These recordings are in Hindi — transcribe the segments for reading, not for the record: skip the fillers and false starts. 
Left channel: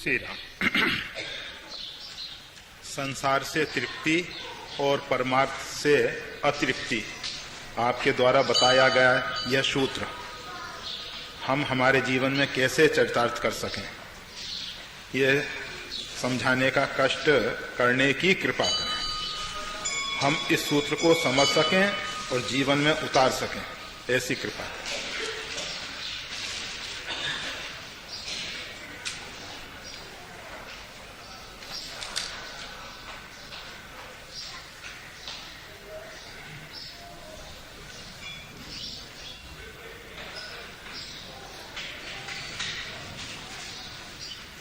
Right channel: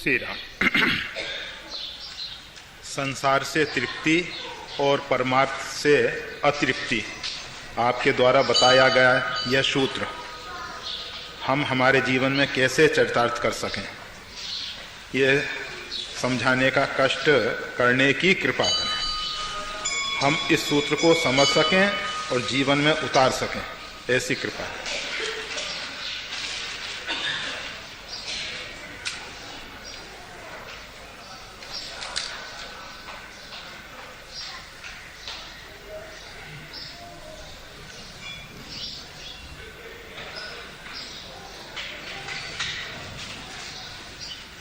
श्री राम। संसार से तृप्ति और परमार्थ से अतृप्ति आपके द्वारा बताया गया यह सूत्र हम हमारे जीवन में कैसे चरितार्थ कर सकें, ये समझाने का कष्ट करने की कृपा करें। हम इस सूत्र को समझ सकें और जीवन में उतार सकें, ऐसी कृपा करें।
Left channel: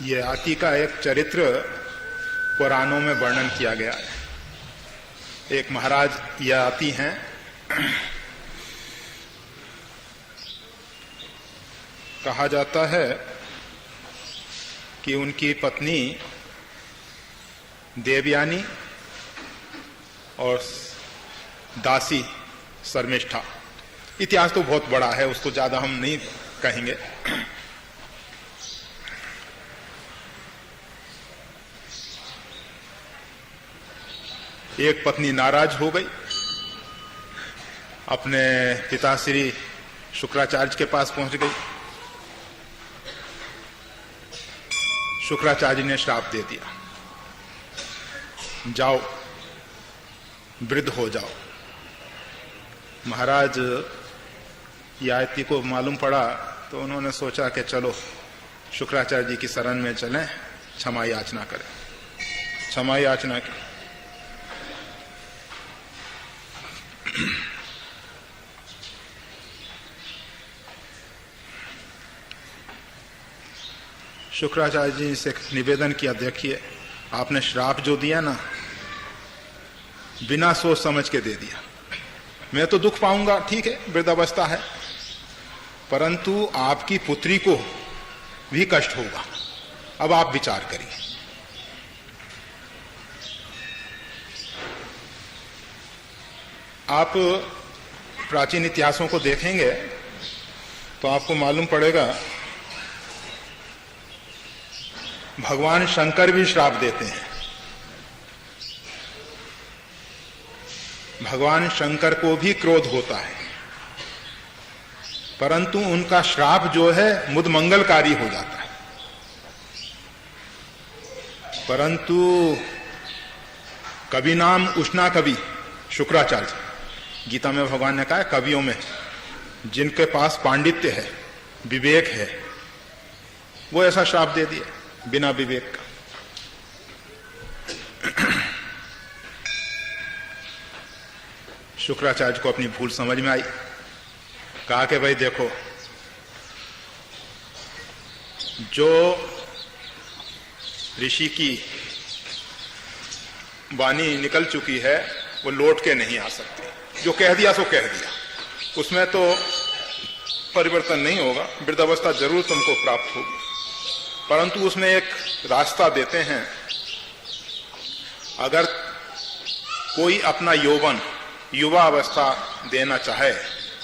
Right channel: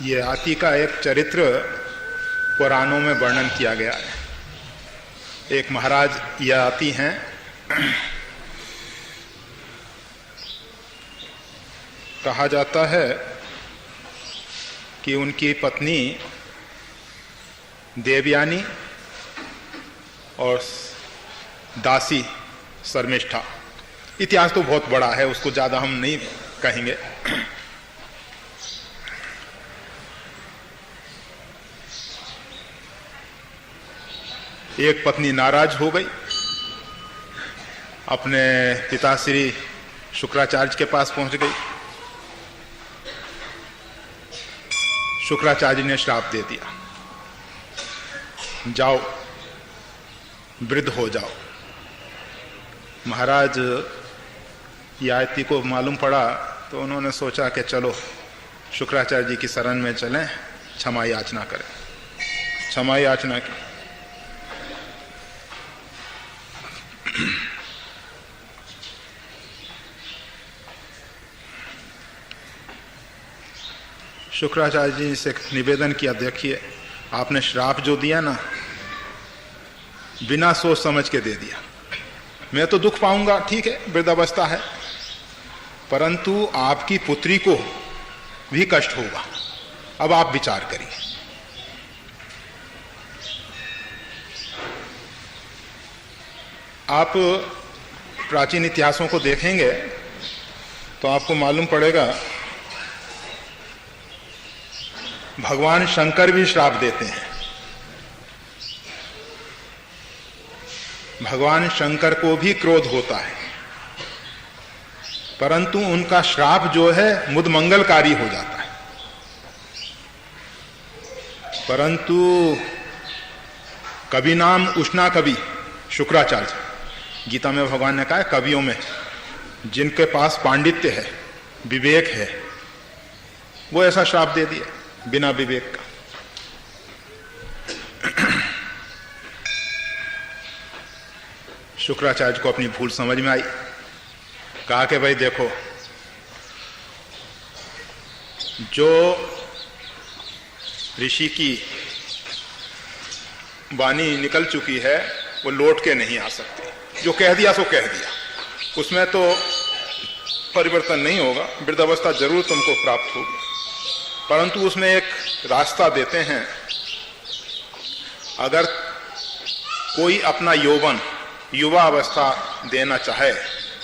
ये आती का एक चरित्र पुराणों में वर्णन किया गया है। एक महाराज यह आती हैं, कहा जाता है कि उनकी पत्नी देवयानी और दासी शर्मिष्ठा। इतिहास तो बहुत बड़ा है, उसको ज्यादा हम नहीं कहेंगे। एक पत्नी नाराज हो गई, अपने पिता श्री शुक्राचार्य के पास पहुंच गई। शुक्राचार्य ने श्राप दे दिया, जाओ वृद्ध हो जाओ। महाराज याति को मालूम पड़ा तो उन्होंने सोचा कि चलो शुक्राचार्य जी की शरण में चलें, क्षमा याचना करें। क्षमा याचना की। शुक्राचार्य जी से निवेदन किया, देखिए आपने श्राप जो दिया ना, बिना सोच समझ के दे दिया। मैं तो दुख पाऊंगा, ठीक है, वृद्धावस्था है, परंतु आपकी पुत्री को भी कष्ट होगा। अब आप विचार करिए। आप प्राचीन इतिहासों को देखेंगे तो आपको मालूम पड़ेगा भगवान शंकर भी श्राप देते हैं। भगवान शंकर को भी क्रोध होता है, परंतु उनका श्राप जो है मुद मंगलकारी हो जाता है। परंतु कवि नाम उष्णा कवि शुक्राचार्य, गीता में भगवान ने कहा है कवियों में जिनके पास पांडित्य है, विवेक है, वो ऐसा श्राप दे दिया बिना विवेक का। शुक्राचार्य को अपनी भूल समझ में आई। कहा कि भाई देखो, जो ऋषि की वाणी निकल चुकी है वो लौट के नहीं आ सकती। जो कह दिया सो कह दिया, उसमें तो परिवर्तन नहीं होगा। वृद्धावस्था जरूर तुमको प्राप्त होगी, परंतु उसमें एक रास्ता देते हैं। अगर कोई अपना यौवन, युवा अवस्था देना चाहे,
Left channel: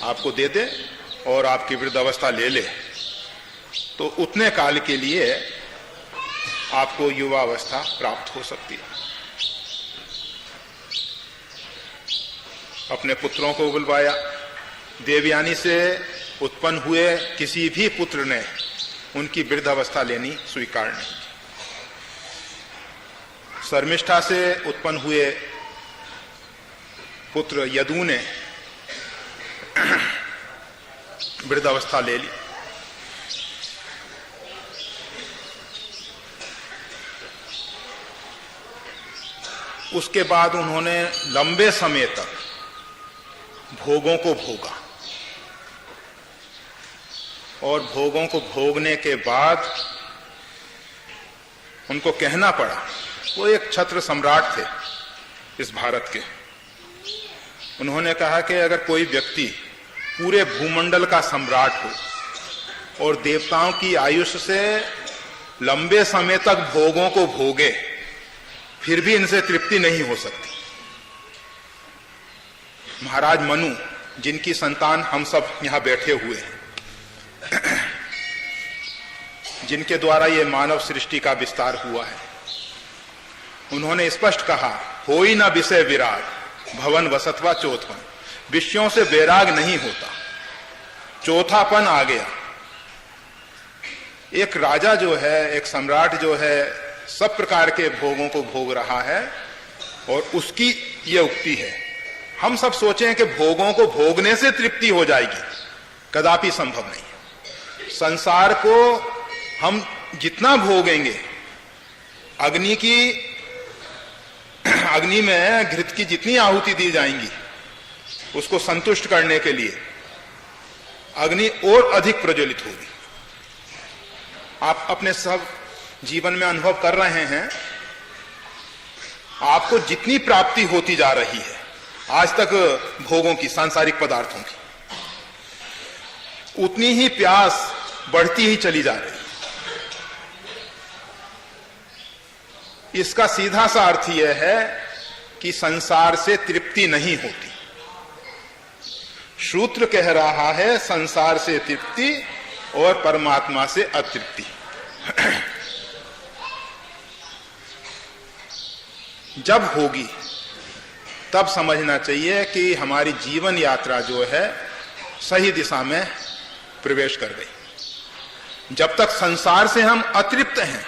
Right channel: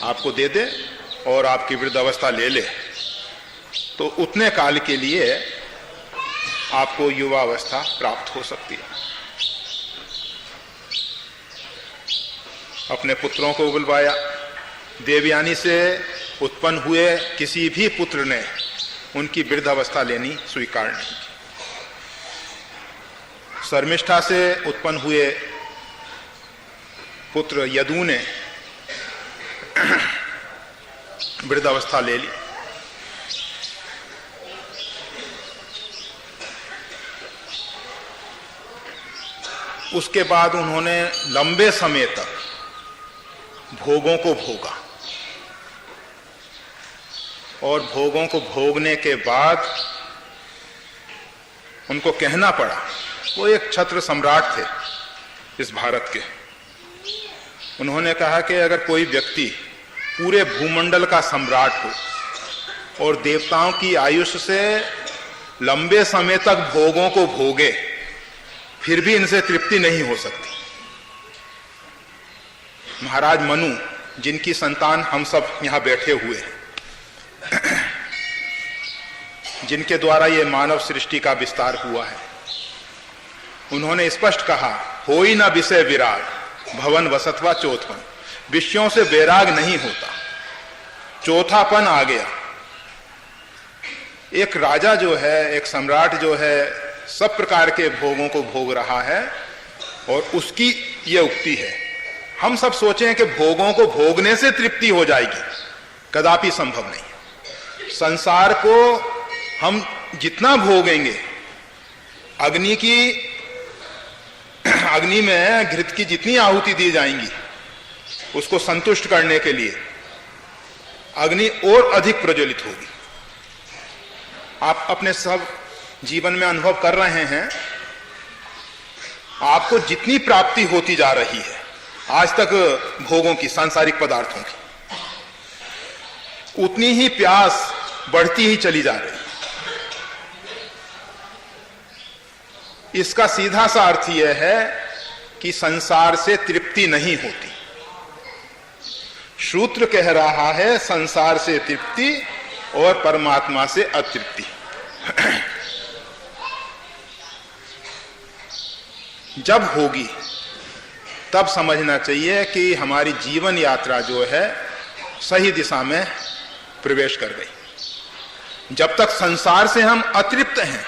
आपको दे दे और आपकी वृद्धावस्था ले ले, तो उतने काल के लिए आपको युवा अवस्था प्राप्त हो सकती है। अपने पुत्रों को बुलवाया। देवयानी से उत्पन्न हुए किसी भी पुत्र ने उनकी वृद्धावस्था लेनी स्वीकार नहीं की। शर्मिष्ठा से उत्पन्न हुए पुत्र यदु ने वृद्धावस्था ले ली। उसके बाद उन्होंने लंबे समय तक भोगों को भोगा, और भोगों को भोगने के बाद उनको कहना पड़ा, वो एक क्षत्र सम्राट थे इस भारत के। उन्होंने कहा कि अगर कोई व्यक्ति पूरे भूमंडल का सम्राट हो और देवताओं की आयुष से लंबे समय तक भोगों को भोगे, फिर भी इनसे तृप्ति नहीं हो सकती। महाराज मनु, जिनकी संतान हम सब यहां बैठे हुए हैं, जिनके द्वारा ये मानव सृष्टि का विस्तार हुआ है, उन्होंने स्पष्ट कहा, होई ना विषय विराग भवन वसतवा चौथपन। विषयों से वैराग नहीं होता, चौथापन आ गया। एक राजा जो है, एक सम्राट जो है, सब प्रकार के भोगों को भोग रहा है और उसकी ये उक्ति है। हम सब सोचें कि भोगों को भोगने से तृप्ति हो जाएगी, कदापि संभव नहीं। संसार को हम जितना भोगेंगे, अग्नि में घृत की जितनी आहुति दी जाएंगी उसको संतुष्ट करने के लिए, अग्नि और अधिक प्रज्वलित होगी। आप अपने सब जीवन में अनुभव कर रहे हैं, आपको जितनी प्राप्ति होती जा रही है आज तक भोगों की, सांसारिक पदार्थों की, उतनी ही प्यास बढ़ती ही चली जा रही है। इसका सीधा सा अर्थ यह है कि संसार से तृप्ति नहीं होती। सूत्र कह रहा है संसार से तृप्ति और परमात्मा से अतृप्ति। जब होगी तब समझना चाहिए कि हमारी जीवन यात्रा जो है सही दिशा में प्रवेश कर गई। जब तक संसार से हम अतृप्त हैं,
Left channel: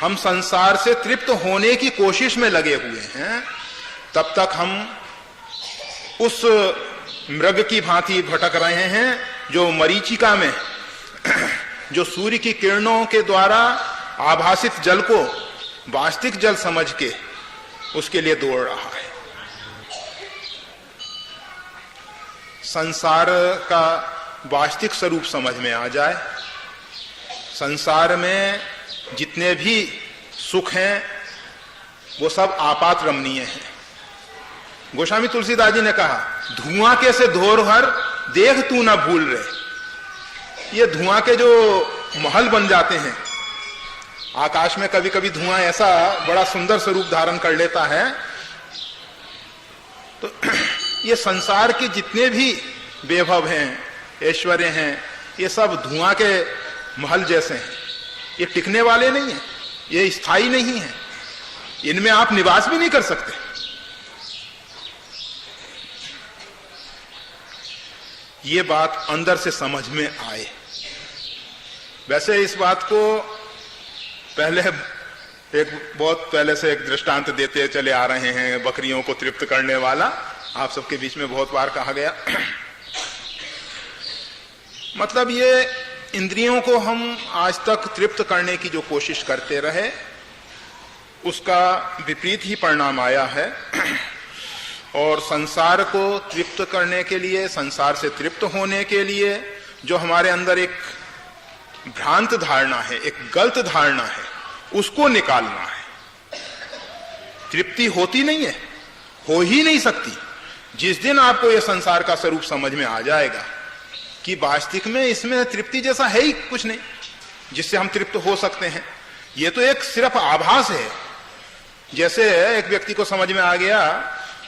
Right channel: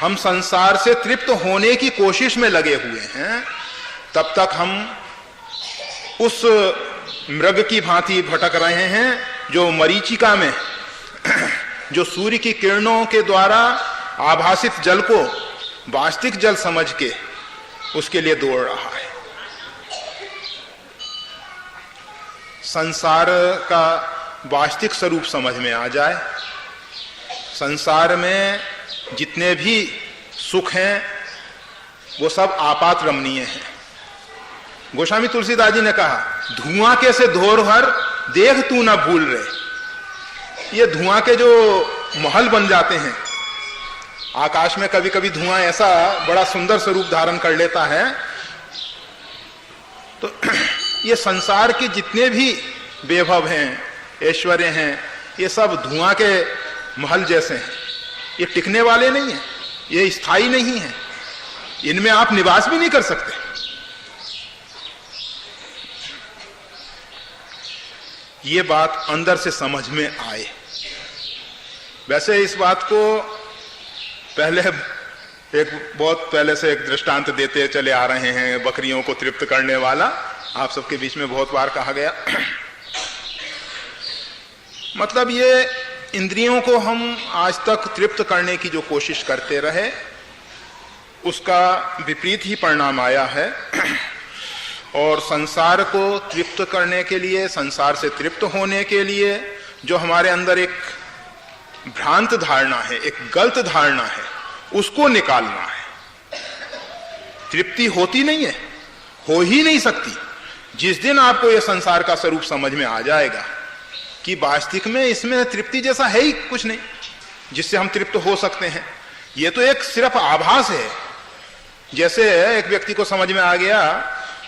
हम संसार से तृप्त होने की कोशिश में लगे हुए हैं, तब तक हम उस मृग की भांति भटक रहे हैं जो मरीचिका में जो सूर्य की किरणों के द्वारा आभासित जल को वास्तविक जल समझ के उसके लिए दौड़ रहा है। संसार का वास्तविक स्वरूप समझ में आ जाए, संसार में जितने भी सुख हैं वो सब आपात रमणीय हैं। गोस्वामी तुलसीदास जी ने कहा, धुआं के से धोरहर देख तू ना भूल रहे। ये धुआं के जो महल बन जाते हैं, आकाश में कभी कभी धुआं ऐसा बड़ा सुंदर स्वरूप धारण कर लेता है, तो ये संसार के जितने भी वैभव हैं, ऐश्वर्य हैं, ये सब धुआं के महल जैसे हैं। ये टिकने वाले नहीं हैं, ये स्थायी नहीं है, इनमें आप निवास भी नहीं कर सकते। ये बात अंदर से समझ में आए। वैसे इस बात को पहले बहुत पहले से एक दृष्टांत देते चले आ रहे हैं, बकरियों को तृप्त करने वाला, आप सबके बीच में बहुत बार कहा गया। मतलब ये इंद्रियों को हम आज तक तृप्त करने की जो कोशिश करते रहे, उसका विपरीत ही परिणाम आया है। और संसार को तृप्त करने के लिए, संसार से तृप्त होने के लिए जो हमारे अंदर एक भ्रांत धारणा है, एक गलत धारणा है, उसको निकालना है। तृप्ति होती नहीं है, हो ही नहीं सकती। जिस दिन आपको यह संसार का स्वरूप समझ में आ जाएगा कि वास्तविक में इसमें तृप्ति जैसा है ही कुछ नहीं जिससे हम तृप्त हो सकते हैं, ये तो एक सिर्फ आभास है। जैसे एक व्यक्ति को समझ में आ गया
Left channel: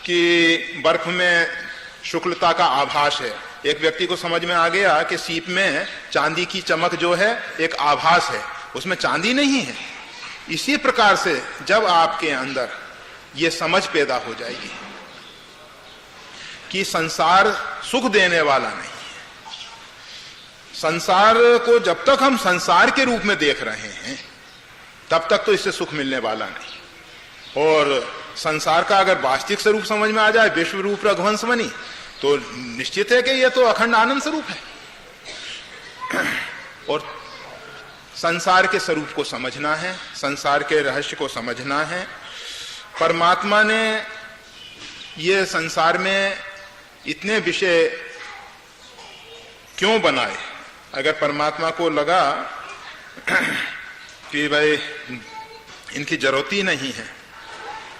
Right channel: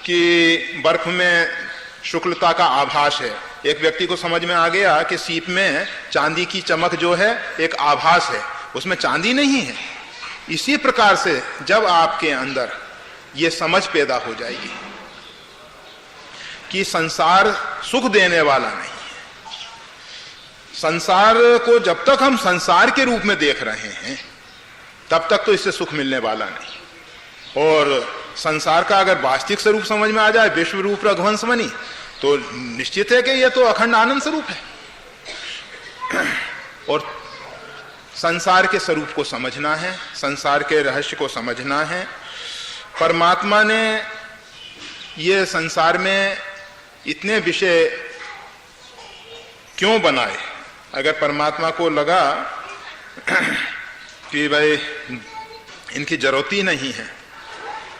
कि बर्फ में शुक्लता का आभास है, एक व्यक्ति को समझ में आ गया कि सीप में चांदी की चमक जो है एक आभास है, उसमें चांदी नहीं है। इसी प्रकार से जब आपके अंदर ये समझ पैदा हो जाएगी कि संसार सुख देने वाला नहीं है, संसार को जब तक हम संसार के रूप में देख रहे हैं तब तक तो इससे सुख मिलने वाला नहीं। और संसार का अगर वास्तविक स्वरूप समझ में आ जाए, विश्व रूप रघुवंश बनी, तो निश्चित है कि यह तो अखंड आनंद स्वरूप है। और संसार के स्वरूप को समझना है, संसार के रहस्य को समझना है। परमात्मा ने ये संसार में इतने विषय क्यों बनाए? अगर परमात्मा को लगा कि भाई इनकी जरूरत ही नहीं है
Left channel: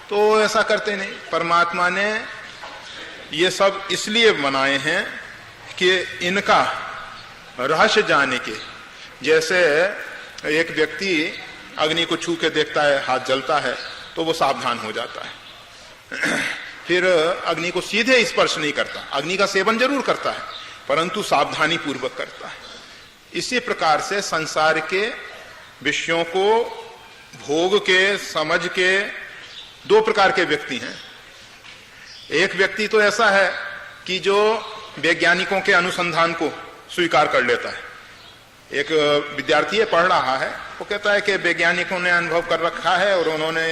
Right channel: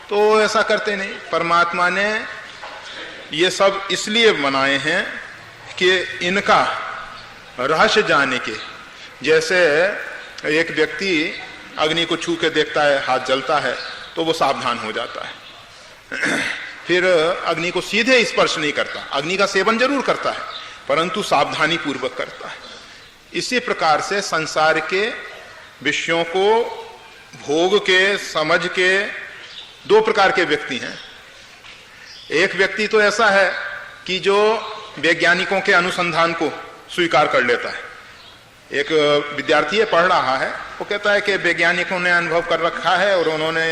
तो ऐसा करते नहीं। परमात्मा ने ये सब इसलिए बनाए हैं कि इनका रहस्य जाने के। जैसे एक व्यक्ति अग्नि को छू के देखता है, हाथ जलता है तो वो सावधान हो जाता है, फिर अग्नि को सीधे स्पर्श नहीं करता, अग्नि का सेवन जरूर करता है परंतु सावधानी पूर्वक करता है। इसी प्रकार से संसार के विषयों को भोग के, समझ के दो प्रकार के व्यक्ति हैं। एक व्यक्ति तो ऐसा है कि जो वैज्ञानिकों के अनुसंधान को स्वीकार कर लेता है। एक विद्यार्थी है, पढ़ रहा है, वो कहता है कि वैज्ञानिकों ने अनुभव कर रखा है और उन्होंने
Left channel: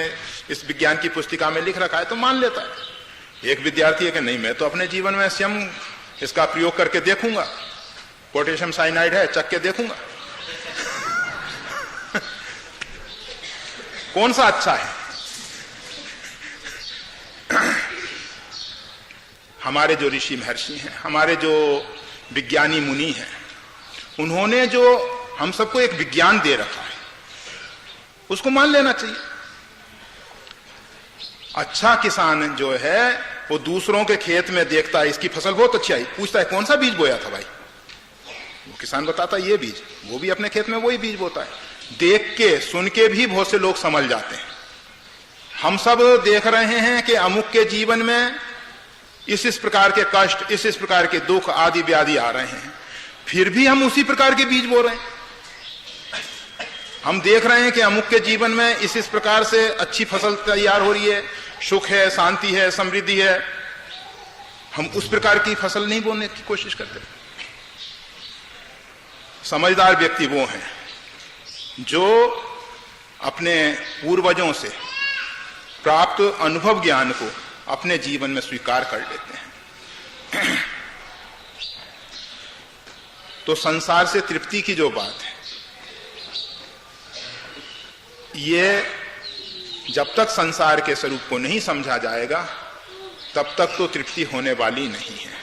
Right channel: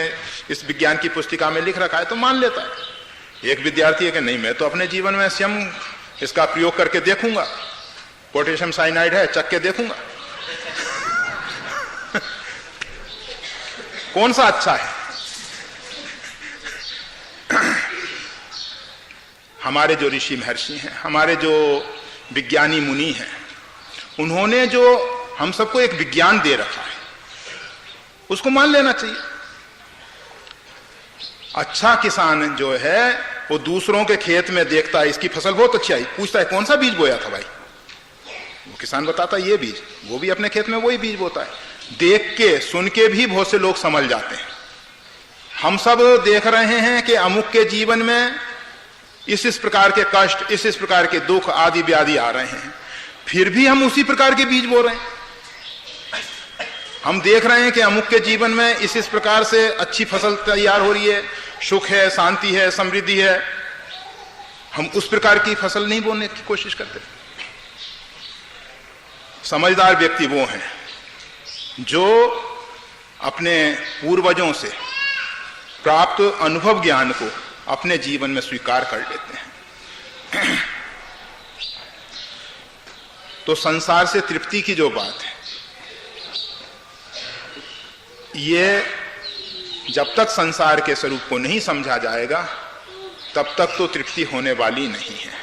इस विज्ञान की पुस्तिका में लिख रखा है, तो मान लेता है। एक विद्यार्थी है कि नहीं, मैं तो अपने जीवन में स्वयं इसका प्रयोग करके देखूंगा, पोटेशियम साइनाइड है, चख के देखूंगा कौन सा अच्छा है। हमारे जो ऋषि महर्षि हैं, हमारे जो विज्ञानी मुनि हैं, उन्होंने जो हम सबको एक विज्ञान दे रखा है, उसको मान लेना चाहिए। अच्छा किसान जो है वो दूसरों के खेत में देखता है, इसकी फसल बहुत अच्छी आई, पूछता है कौन सा बीज बोया था भाई, वो किसान बताता है ये बीज, वो भी अपने खेत में वही बीज बोता है। देख के सुन के भी बहुत से लोग समझ जाते हैं। हम सब देख रहे हैं कि अमुक के जीवन में इस प्रकार के कष्ट, इस प्रकार के दुख आदि व्याधि आ रहे हैं, फिर भी हम उसी प्रकार के बीज बो रहे हैं। हम देख रहे हैं कि अमुक के जीवन में इस प्रकार से अच्छी फसल तैयार हो रही है, सुख है, शांति है, समृद्धि है, हम उस प्रकार की फसल नहीं बोने की कोशिश करते। समझदार व्यक्ति वो हैं जो अपने पूर्वजों से प्राप्त अनुभव ज्ञान को अपने जीवन में स्वीकार कर लेते हैं। तो संसार से तृप्ति की जो बात है, ये जब तक संसार के स्वरूप को नहीं समझा जाएगा तब तक तो तृप्ति होने वाली नहीं है।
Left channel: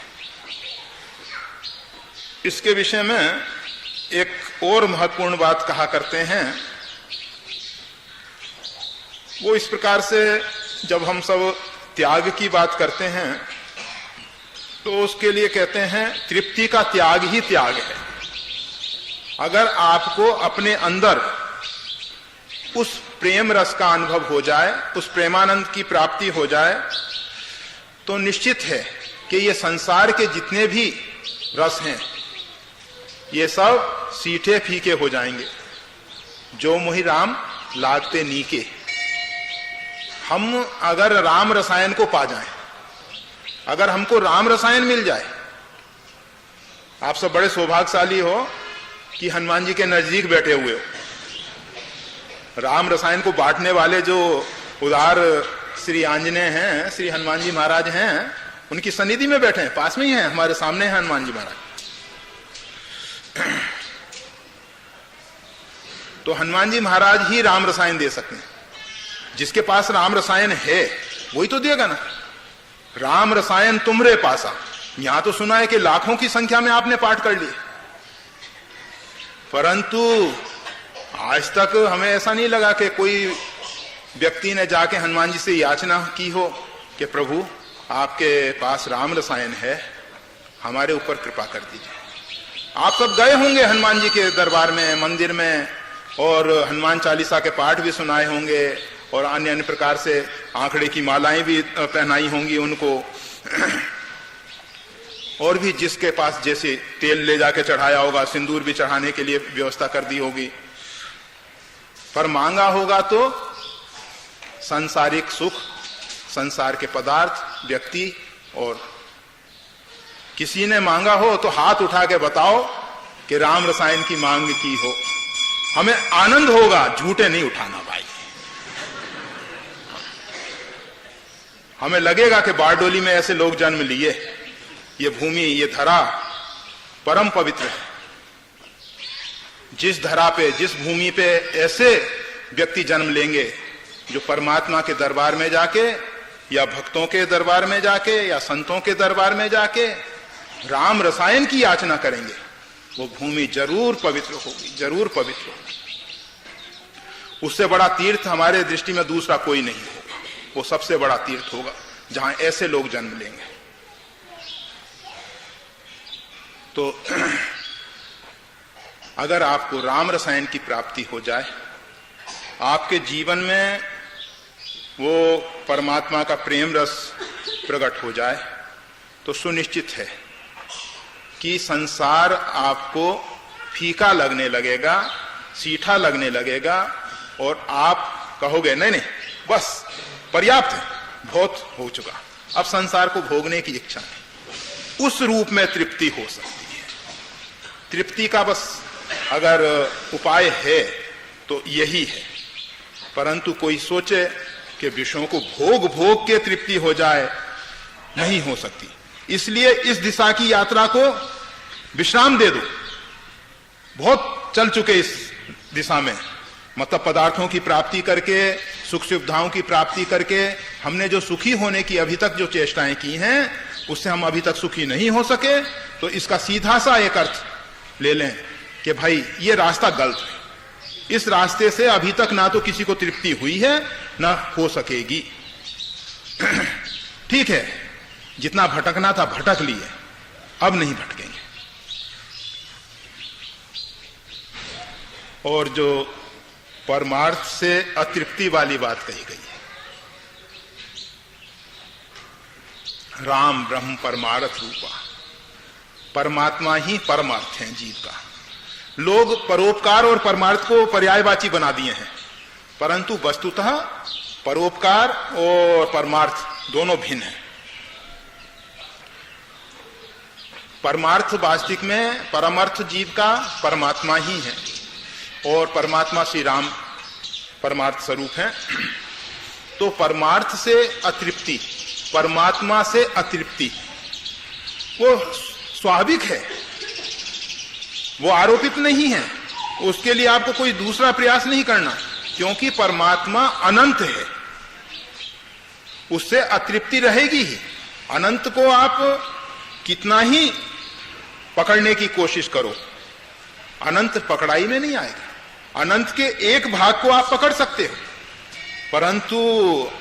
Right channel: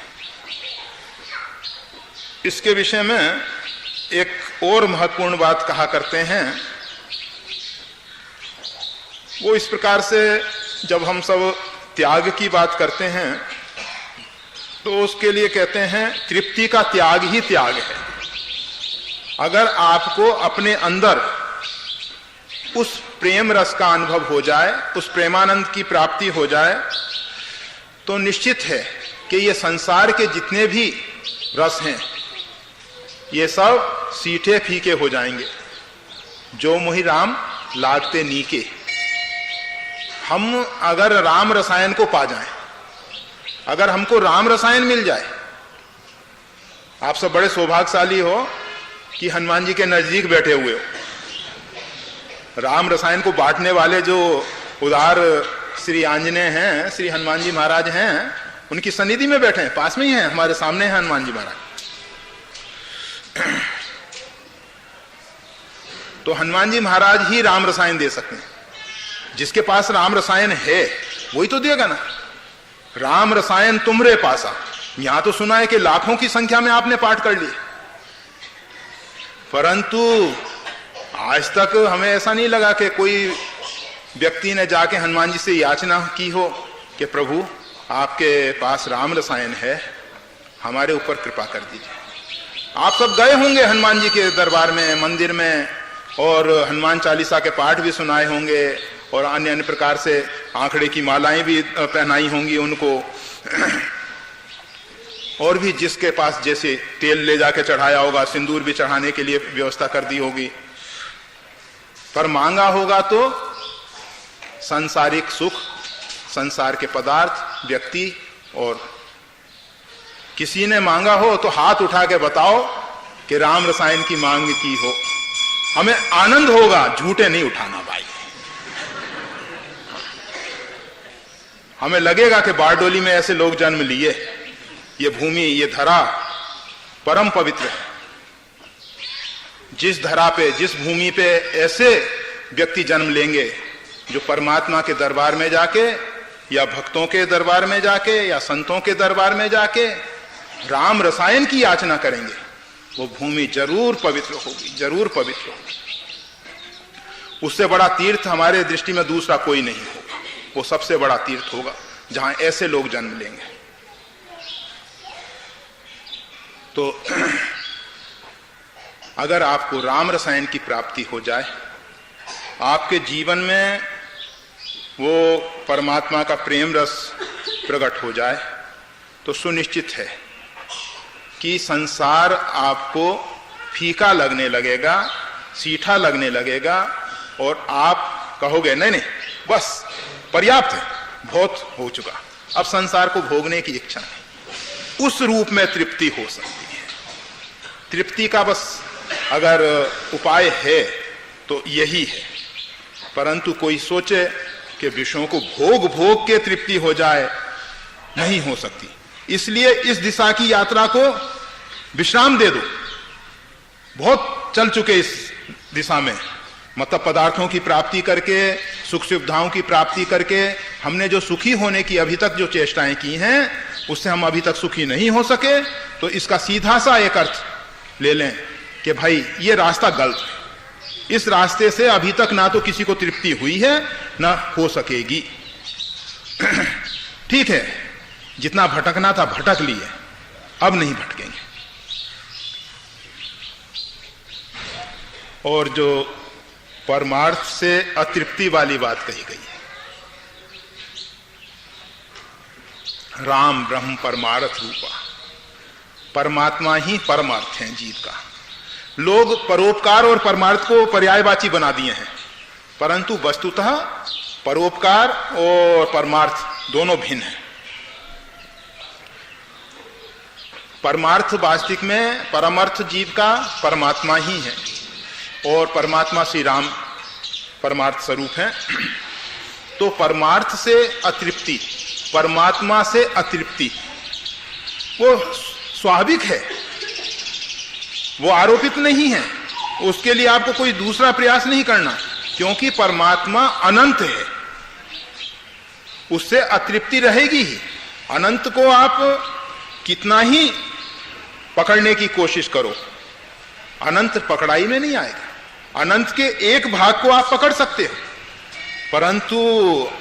इसके विषय में एक और महत्वपूर्ण बात कहा करते हैं, वो इस प्रकार से जब हम सब त्याग की बात करते हैं तो उसके लिए कहते हैं तृप्ति का त्याग ही त्याग है। अगर आपको अपने अंदर उस प्रेम रस का अनुभव हो जाए, उस प्रेमानंद की प्राप्ति हो जाए, तो निश्चित है कि ये संसार के जितने भी रस हैं ये सब सीठे फीके हो जाएंगे। जो मोहि राम लागते नीके। हम अगर राम रसायन को पा जाएं, अगर हमको राम रसायन मिल जाए, आप सब बड़े सौभाग्यशाली हो कि हनुमान जी के नजदीक बैठे हुए हो। राम रसायन को बांटने वाले जो उदार श्री आंजनेय हैं, श्री हनुमान जी महाराज हैं, उनकी सन्निधि में बैठे हैं, पास में ही हैं, हमारे सामने हैं हनुमान जी महाराज। तो हनुमान जी महाराज ही राम रसायन दे सकते हैं। जिसके पास राम रसायन है वही तो देगा ना। राम रसायन तुमरे पासा, यहां तो सुना है कि लाखों की संख्या में आपने पाठ कर लिए, परंतु आज तक हमें ऐसा नहीं लगा कि कोई व्यक्ति ने जाके हनुमान जी से याचना की हो कि प्रभु आपके पास राम रसायन है, हमारे ऊपर कृपा कर दीजिए। आप सब गए होंगे हनुमान जी के दरबार में, मंदिर में, और हनुमान चालीसा के पाठ भी सुनाए होंगे और अन्य अन्य प्रकार से आंकड़े की मालाएं भी पहनाई होंगी उनको, और भी जिसके पास जैसे तेल ले जाके चढ़ाया होगा, सिंदूर भी चढ़ाने के लिए व्यवस्था कर दी होगी। पर मांगा होगा तो सांसारिक सुख, संसार के पदार्थ, व्यक्ति, और किसी ने मांगा हो तो हाथ उठा के बताओ कि राम रसायन की मांग की हो, हमें आनंद होगा। झूठे नहीं उठाना भाई। हमें लगेगा कि बारडोली में ऐसे लोग जन्म लिए, ये भूमि, ये धरा परम पवित्र है। जिस धरा पे, जिस भूमि पे ऐसे व्यक्ति जन्म लेंगे जो परमात्मा के दरबार में जाके, या भक्तों के दरबार में जाके, या संतों के दरबार में जाके राम रसायन की याचना करेंगे, वो भूमि जरूर पवित्र होगी, जरूर पवित्र होगी। उससे बड़ा तीर्थ हमारे दृष्टि में दूसरा कोई नहीं होगा। वो सबसे बड़ा तीर्थ होगा जहां ऐसे लोग जन्म लेंगे। तो अगर आपको राम रसायन की प्राप्ति हो जाए, आपके जीवन में वो परमात्मा का प्रेम रस प्रकट हो जाए, तो सुनिश्चित है कि संसार आपको फीका लगने लगेगा, सीठा लगने लगेगा और आप कहोगे नहीं नहीं बस पर्याप्त है, बहुत हो चुका, अब संसार को भोगने की इच्छा नहीं। उस रूप में तृप्ति हो सकती है। तृप्ति का बस अगर उपाय है तो यही है। परंतु कोई सोचे कि विषयों को भोग भोग के तृप्ति हो जाए, नहीं हो सकती। इसलिए इस दिशा की यात्रा को विश्राम दे दो। बहुत चल चुके इस दिशा में, मतलब पदार्थों की प्राप्ति करके, सुख सुविधाओं की प्राप्ति करके हमने जो सुखी होने की अभी तक जो चेष्टाएं की हैं, उससे हम अभी तक सुखी नहीं हो सके। तो इसका सीधा सा एक अर्थ ले लें कि भाई ये रास्ता गलत है, इस रास्ते से अभी तक ना तो किसी को तृप्ति हुई है ना हो सकेगी। ठीक है, जितना भटकना था भटक लिए, अब नहीं भटकेंगे। और जो परमार्थ से अतृप्ति वाली बात कही गई है, राम ब्रह्म परमार्थ रूपा, परमात्मा ही परमार्थ है जीव का। लोग परोपकार और परमार्थ को पर्यायवाची बना दिए हैं, परंतु वस्तुतः परोपकार और परमार्थ दोनों भिन्न हैं। परमार्थ वास्तविक में परमार्थ जीव का परमात्मा ही है और परमात्मा श्री राम परमार्थ स्वरूप है। तो परमार्थ से अतृप्ति, परमात्मा से अतृप्ति वो स्वाभाविक है, वो आरोपित नहीं है। उसके लिए आपको कोई दूसरा प्रयास नहीं करना, क्योंकि परमात्मा अनंत है, उससे अतृप्ति रहेगी ही। अनंत को आप कितना ही पकड़ने की कोशिश करो, अनंत पकड़ाई में नहीं आएगा। अनंत के एक भाग को आप पकड़ सकते हो, परंतु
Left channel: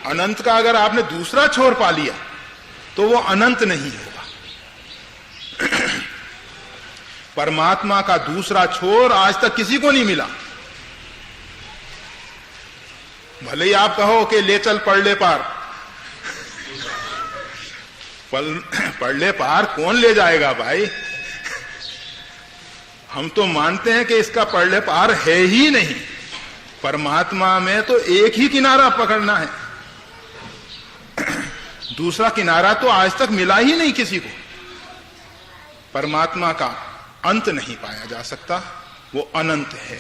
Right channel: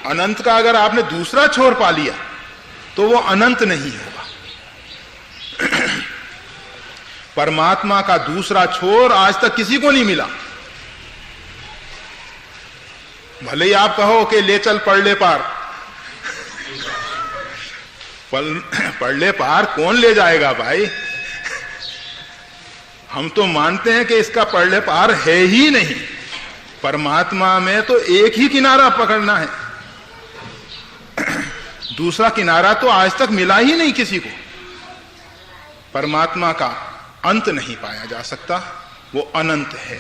अनंत का अगर आपने दूसरा छोर पा लिया तो वो अनंत नहीं होगा। परमात्मा का दूसरा छोर आज तक किसी को नहीं मिला। भले ही आप कहो कि ले चल पढ़ ले पार, पढ़ ले पार कौन ले जाएगा भाई? हम तो मानते हैं कि इसका पढ़ ले पार है ही नहीं। परमात्मा में तो एक ही किनारा पकड़ना है, दूसरा किनारा तो आज तक मिला ही नहीं किसी को। परमात्मा का अंत नहीं पाया जा सकता, वो अनंत है।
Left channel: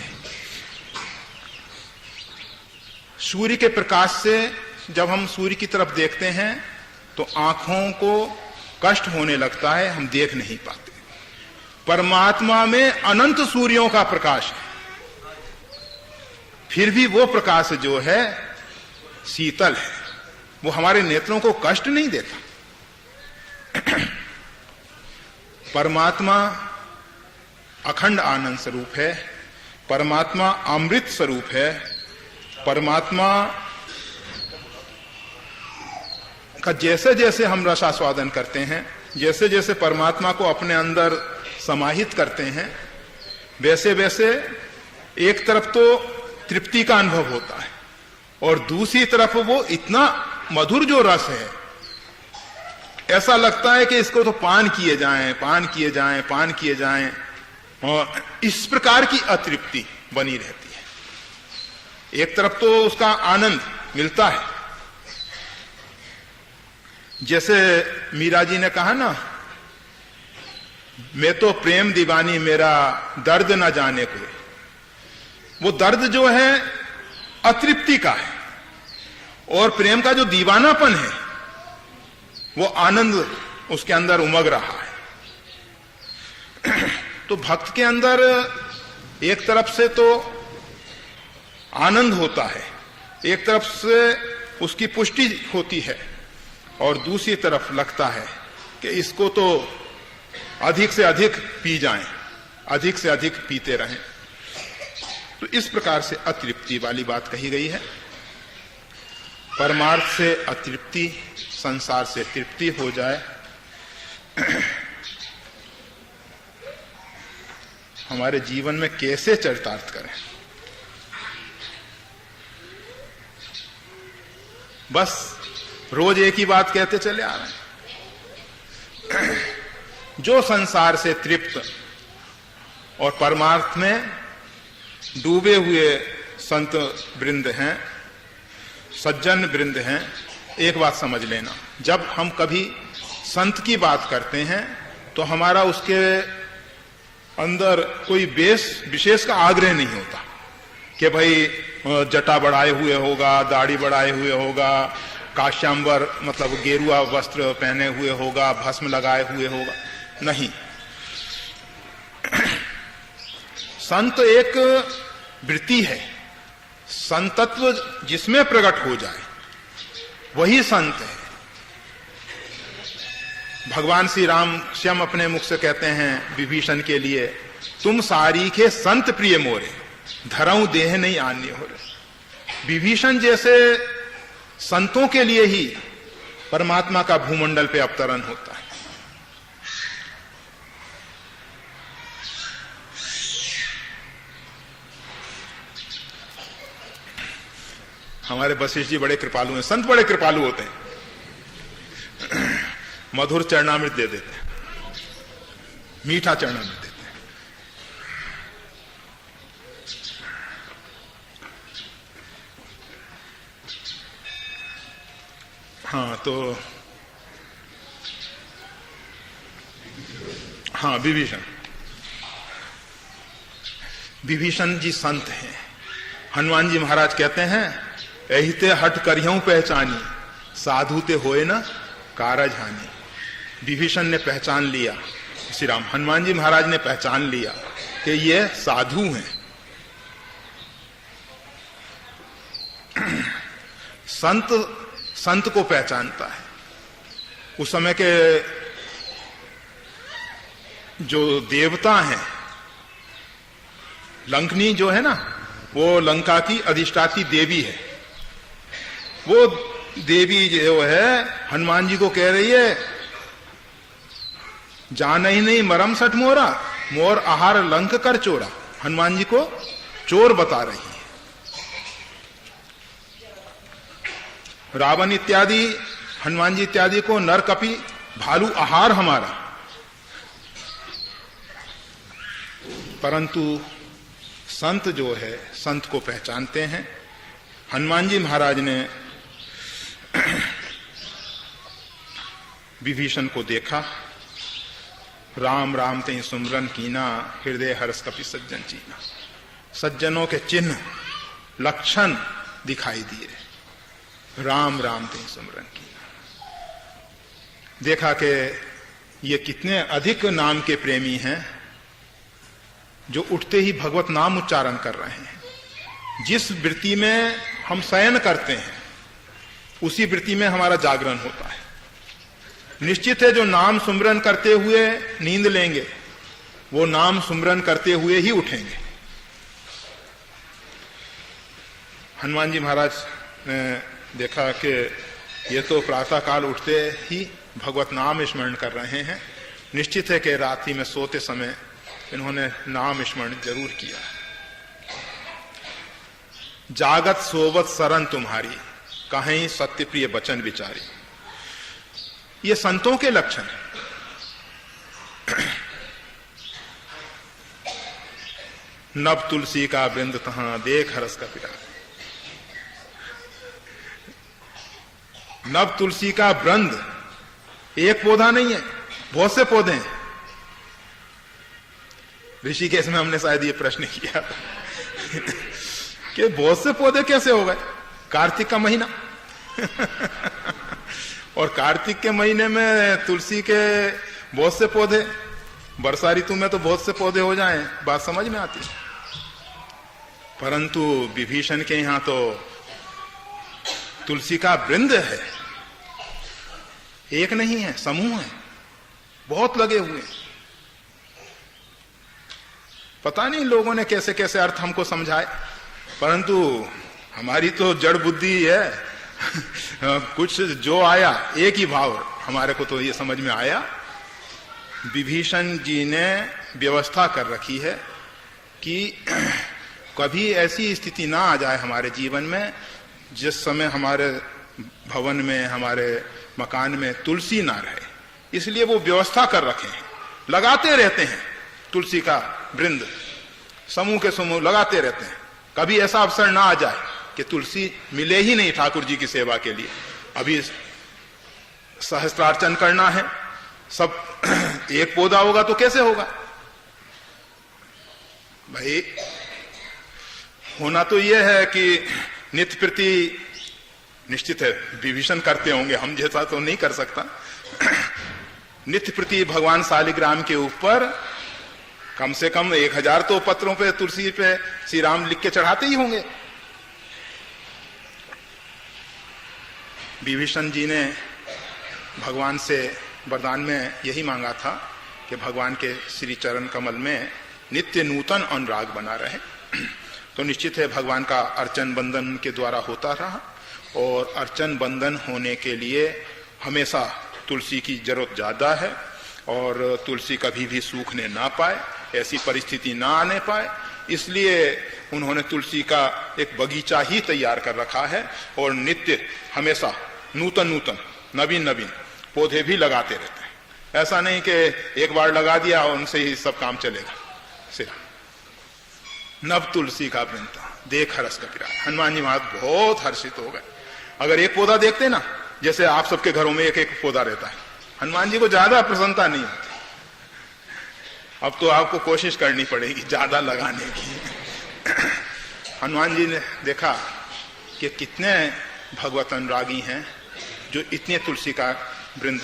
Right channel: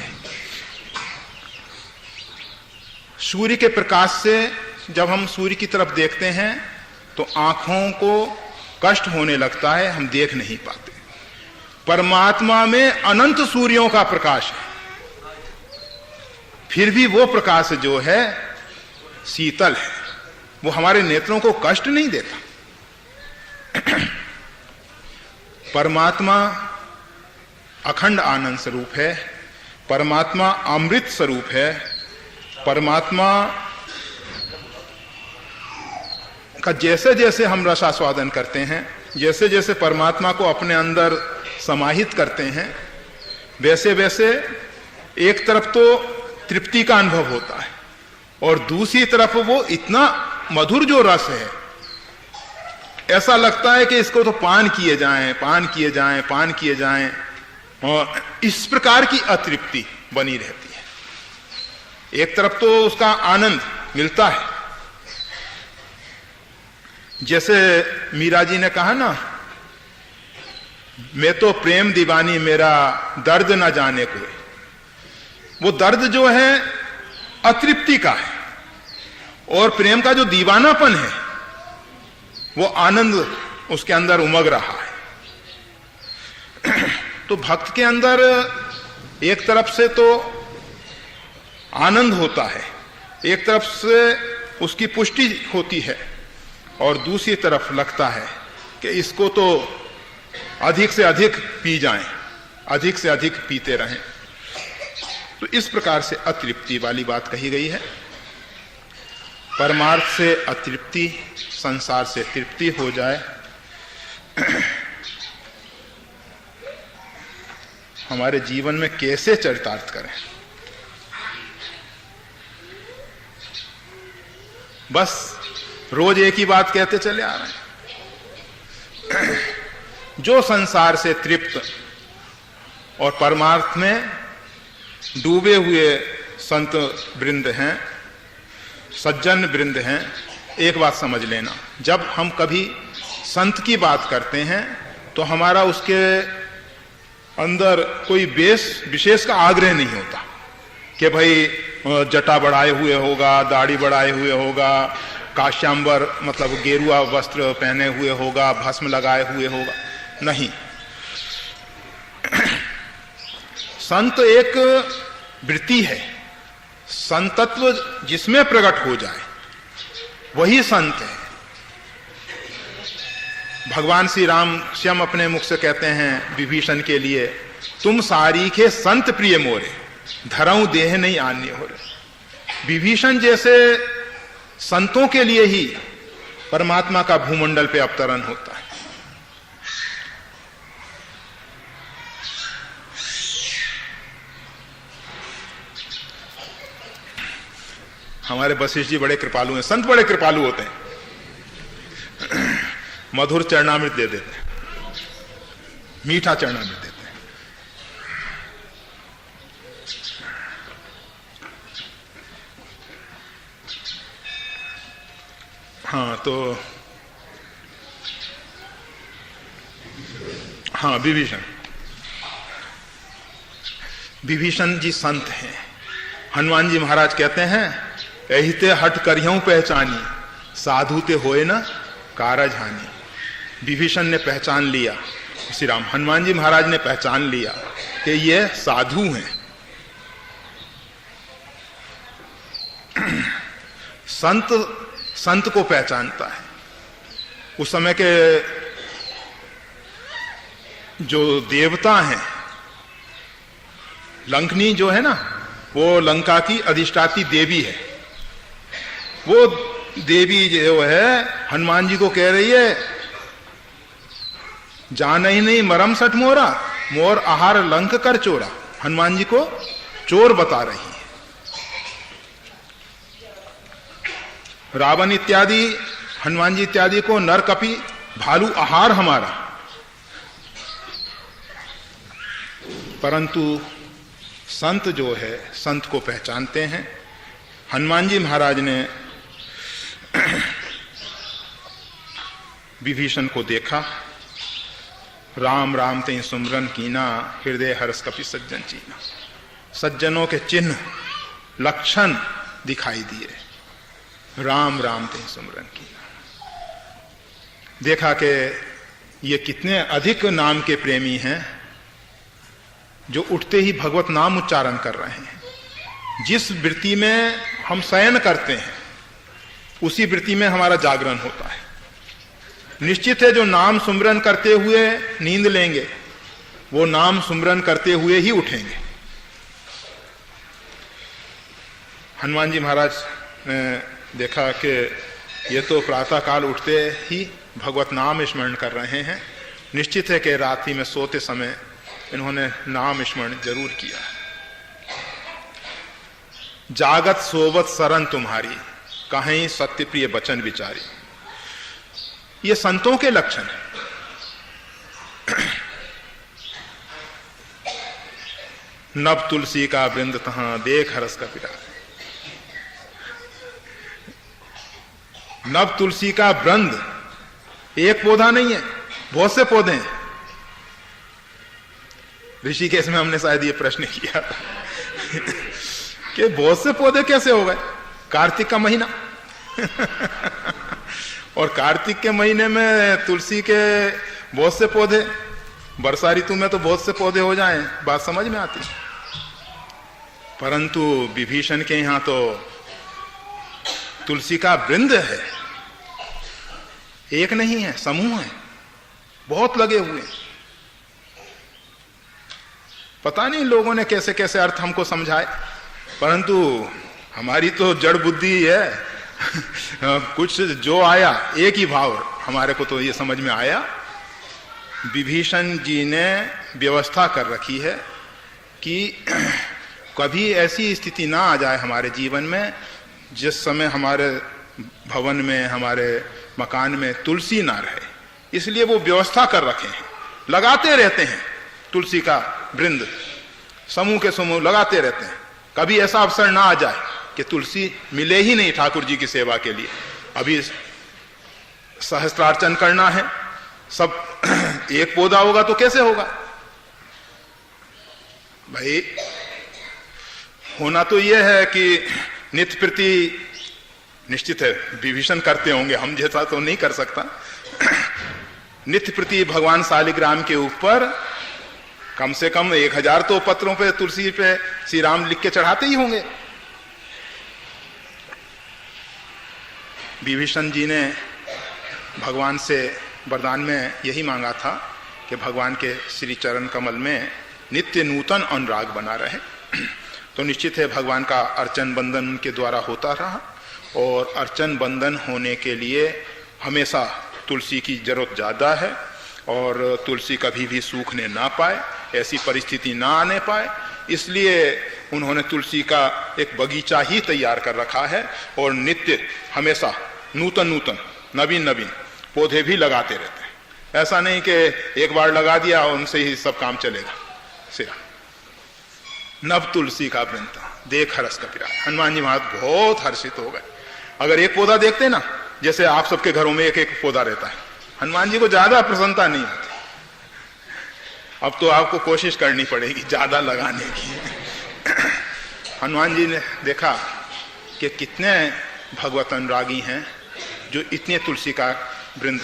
सूर्य के प्रकाश से जब हम सूर्य की तरफ देखते हैं तो आंखों को कष्ट होने लगता है, हम देख नहीं पाते। परमात्मा में अनंत सूर्यों का प्रकाश है, फिर भी वो प्रकाश जो है शीतल है, वो हमारे नेत्रों को कष्ट नहीं देता। परमात्मा अखंड आनंद स्वरूप है, परमात्मा अमृत स्वरूप है। परमात्मा का जैसे जैसे हम रसास्वादन करते हैं, जैसे जैसे परमात्मा को अपने अंदर समाहित करते हैं, वैसे वैसे एक तरफ तो तृप्ति का अनुभव होता है और दूसरी तरफ वो इतना मधुर जो रस है, ऐसा लगता है कि इसको तो पान किए जाएं, पान किए जाएं, पान किए जाएं, और इस प्रकार की अतृप्ति बनी रहती है। एक तरफ तो उसका आनंद मिलता है, जैसे मीरा जी ने कहा ना, मैं तो प्रेम दीवानी मेरा दर्द न जाने कोई। वो दर्द जो है अतृप्ति का है और प्रेम का जो दीवानापन है वो आनंद उसके अंदर उमग रहा है। तो भक्त के अंदर एक तरफ से तो आनंद होता है, एक तरफ से उसकी पुष्टि होती है और दूसरी तरफ लगता है कि इसको तो अधिक से अधिक पी जाएं, अधिक से अधिक पीते रहें। तो इस प्रकार से अतृप्ति वाली बात कही गई है। परमार्थ से अतृप्ति, संसार से तृप्ति हो जाए, हमारे जीवन में कैसे चरितार्थ करें? बस रोज एक ही बात कहते चले आ रहे हैं। जो संसार से तृप्त और परमार्थ में डूबे हुए संत वृंद हैं, सज्जन वृंद हैं। एक बात समझ लेना, जब हम कभी संत की बात करते हैं तो हमारा उसके अंदर कोई विशेष का आग्रह नहीं होता कि भाई जटा बढ़ाए हुए होगा, दाढ़ी बढ़ाए हुए होगा, काश्यांबर मतलब गेरुआ वस्त्र पहने हुए होगा, भस्म लगाए हुए होगा, नहीं। संत एक वृत्ति है, संतत्व जिसमें प्रकट हो जाए वही संत है। भगवान श्री राम स्वयं अपने मुख से कहते हैं विभीषण के लिए, तुम सारीखे संत प्रिय मोरे, धरऊं देह नहीं आन्य हो रहे। विभीषण जैसे संतों के लिए ही परमात्मा का भूमंडल पे अवतरण होता है। हमारे वशिष्ठ जी बड़े कृपालु हैं, संत बड़े कृपालु होते हैं। मधुर चरणामृत दे देते हैं, मीठा चरणामृत देते हैं। हाँ तो हाँ, विभीषण जी संत हैं। हनुमान जी महाराज कहते हैं, एहिते हट करियों पहचानी, साधु ते होए न कारज हानि। विभीषण ने पहचान लिया, श्री राम हनुमान जी महाराज ने पहचान लिया कि ये साधु हैं। संत को पहचानता है। उस समय के जो देवता हैं, लंकनी जो है ना, वो लंका की अधिष्ठात्री देवी है। वो देवी जो है हनुमान जी को कह रही है, जान ही नहीं मरम सठ मोरा, मोर आहार लंक कर चोरा। हनुमान जी को चोर बता रही है। रावण इत्यादि, हनुमान जी इत्यादि को नर कपि भालू आहार हमारा। परंतु संत जो है, संत को पहचानते हैं। हनुमान जी महाराज ने विभीषण को देखा, राम राम ते सुमरन कीना, हृदय हर्ष कपि सज्जन चीना। सज्जनों के चिन्ह लक्षण दिखाई दिए। राम राम ते सुमरन कीना, देखा कि ये कितने अधिक नाम के प्रेमी हैं जो उठते ही भगवत नाम उच्चारण कर रहे हैं। जिस वृत्ति में हम शयन करते हैं उसी वृत्ति में हमारा जागरण होता है। निश्चित है जो नाम सुमरन करते हुए नींद लेंगे वो नाम सुमरन करते हुए ही उठेंगे। हनुमान जी महाराज ने देखा कि ये तो प्रातः काल उठते ही भगवत नाम स्मरण कर रहे हैं। निश्चित है कि रात्रि में सोते समय इन्होंने नाम स्मरण जरूर किया। जागत सोवत शरण तुम्हारी, कहीं सत्य प्रिय वचन विचारी। ये संतों के लक्षण है। नव तुलसी का वृंद तहां, देख हरस का पिता। नव तुलसी का वृंद एक पौधा नहीं है, बहुत से पौधे हैं। ऋषिकेश में हमने शायद ये प्रश्न किया कि बहुत से पौधे कैसे हो गए। कार्तिक का महीना और कार्तिक के महीने में तुलसी के बहुत से पौधे, वर्षा ऋतु में तो बहुत से पौधे हो जाएं, बात समझ में आती। परंतु विभीषण के यहां तो तुलसी का वृंद है, एक नहीं है, समूह है, बहुत लगे हुए हैं। पता नहीं लोगों ने कैसे कैसे अर्थ हमको समझाए, परंतु हमारी तो जड़ बुद्धि है कुछ जो आया एक ही भाव हमारे को तो ये समझ में आया। विभीषण जी ने व्यवस्था कर रखी है कि कभी ऐसी स्थिति ना आ जाए हमारे जीवन में जिस समय हमारे भवन में, हमारे मकान में तुलसी ना रहे। इसलिए वो व्यवस्था कर रखे हैं, लगाते रहते हैं तुलसी का वृंद। समूह के समूह लगाते रहते हैं। कभी ऐसा अवसर ना आ जाए कि तुलसी मिले ही नहीं ठाकुर जी की सेवा के लिए। अभी सहस्त्रार्चन करना है, सब एक पौधा होगा तो कैसे होगा भाई? होना तो यह है कि नित्य प्रति, निश्चित है विभीषण करते होंगे, हम जैसा तो नहीं कर सकता। नित्य प्रति भगवान शालिग्राम के ऊपर कम से कम 1000 तो पत्रों पे तुलसी पे श्री राम लिख के चढ़ाते ही होंगे। विभीषण जी ने भगवान से वरदान में यही मांगा था कि भगवान के श्री चरण कमल में नित्य नूतन अनुराग बना रहे। तो निश्चित है भगवान का अर्चन बंधन उनके द्वारा होता रहा, और अर्चन बंधन होने के लिए हमेशा तुलसी की जरूरत ज्यादा है, और तुलसी कभी भी सूखने ना पाए, ऐसी परिस्थिति ना आने पाए, इसलिए उन्होंने तुलसी का एक बगीचा ही तैयार कर रखा है, और नित्य हमेशा नूतन नूतन नवीन नवीन पौधे भी लगाते रहते हैं। ऐसा नहीं कि एक बार लगा दिया और उनसे ही सब काम चलेगा। सिरा नव तुलसी का वृंत देख हर्ष कपिरा। हनुमान जी महाराज बहुत हर्षित हो गए। अगर एक पौधा देखते ना, जैसे आप सबके घरों में एक एक पौधा रहता है, हनुमान जी को ज्यादा प्रसन्नता नहीं होती। अब तो आपको कोशिश करनी पड़ेगी ज्यादा लगाने की। हनुमान जी ने देखा कि कितने भगवत अनुरागी हैं जो इतने तुलसी का वृंद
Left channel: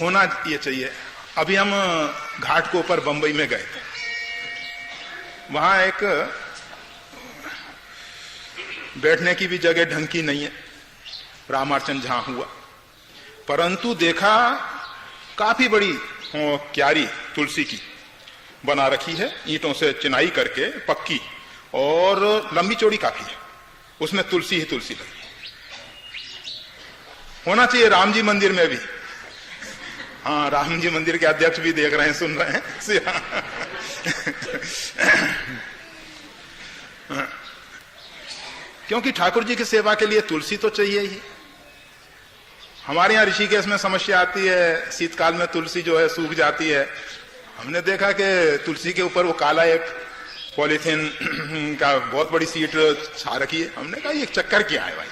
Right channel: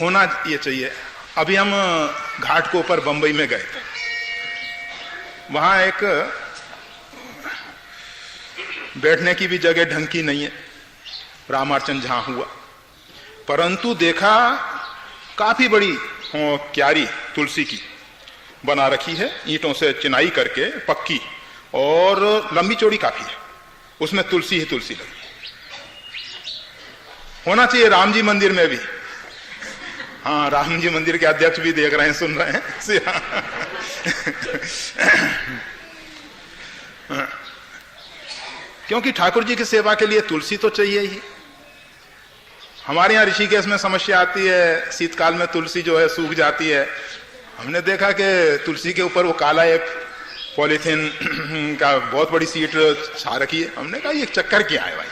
होना ये चाहिए। अभी हम घाट को ऊपर बंबई में गए थे, वहां एक बैठने की भी जगह ढंग की नहीं है, रामार्चन जहां हुआ, परंतु देखा काफी बड़ी क्यारी तुलसी की बना रखी है, ईंटों से चिनाई करके पक्की, और लंबी चौड़ी काफी है, उसमें तुलसी ही तुलसी लगी। होना चाहिए राम जी मंदिर में भी। हाँ, राम जी मंदिर के अध्यक्ष भी देख रहे हैं, सुन रहे हैं। क्योंकि ठाकुर जी की सेवा के लिए तुलसी तो चाहिए ही। हमारे यहाँ ऋषिकेश में समस्या आती है, शीतकाल में तुलसी जो है सूख जाती है। हमने देखा कि तुलसी के ऊपर वो काला एक पॉलीथीन का बहुत बड़ी सीट छा रखी है। हमने कहा ये चक्कर क्या है भाई?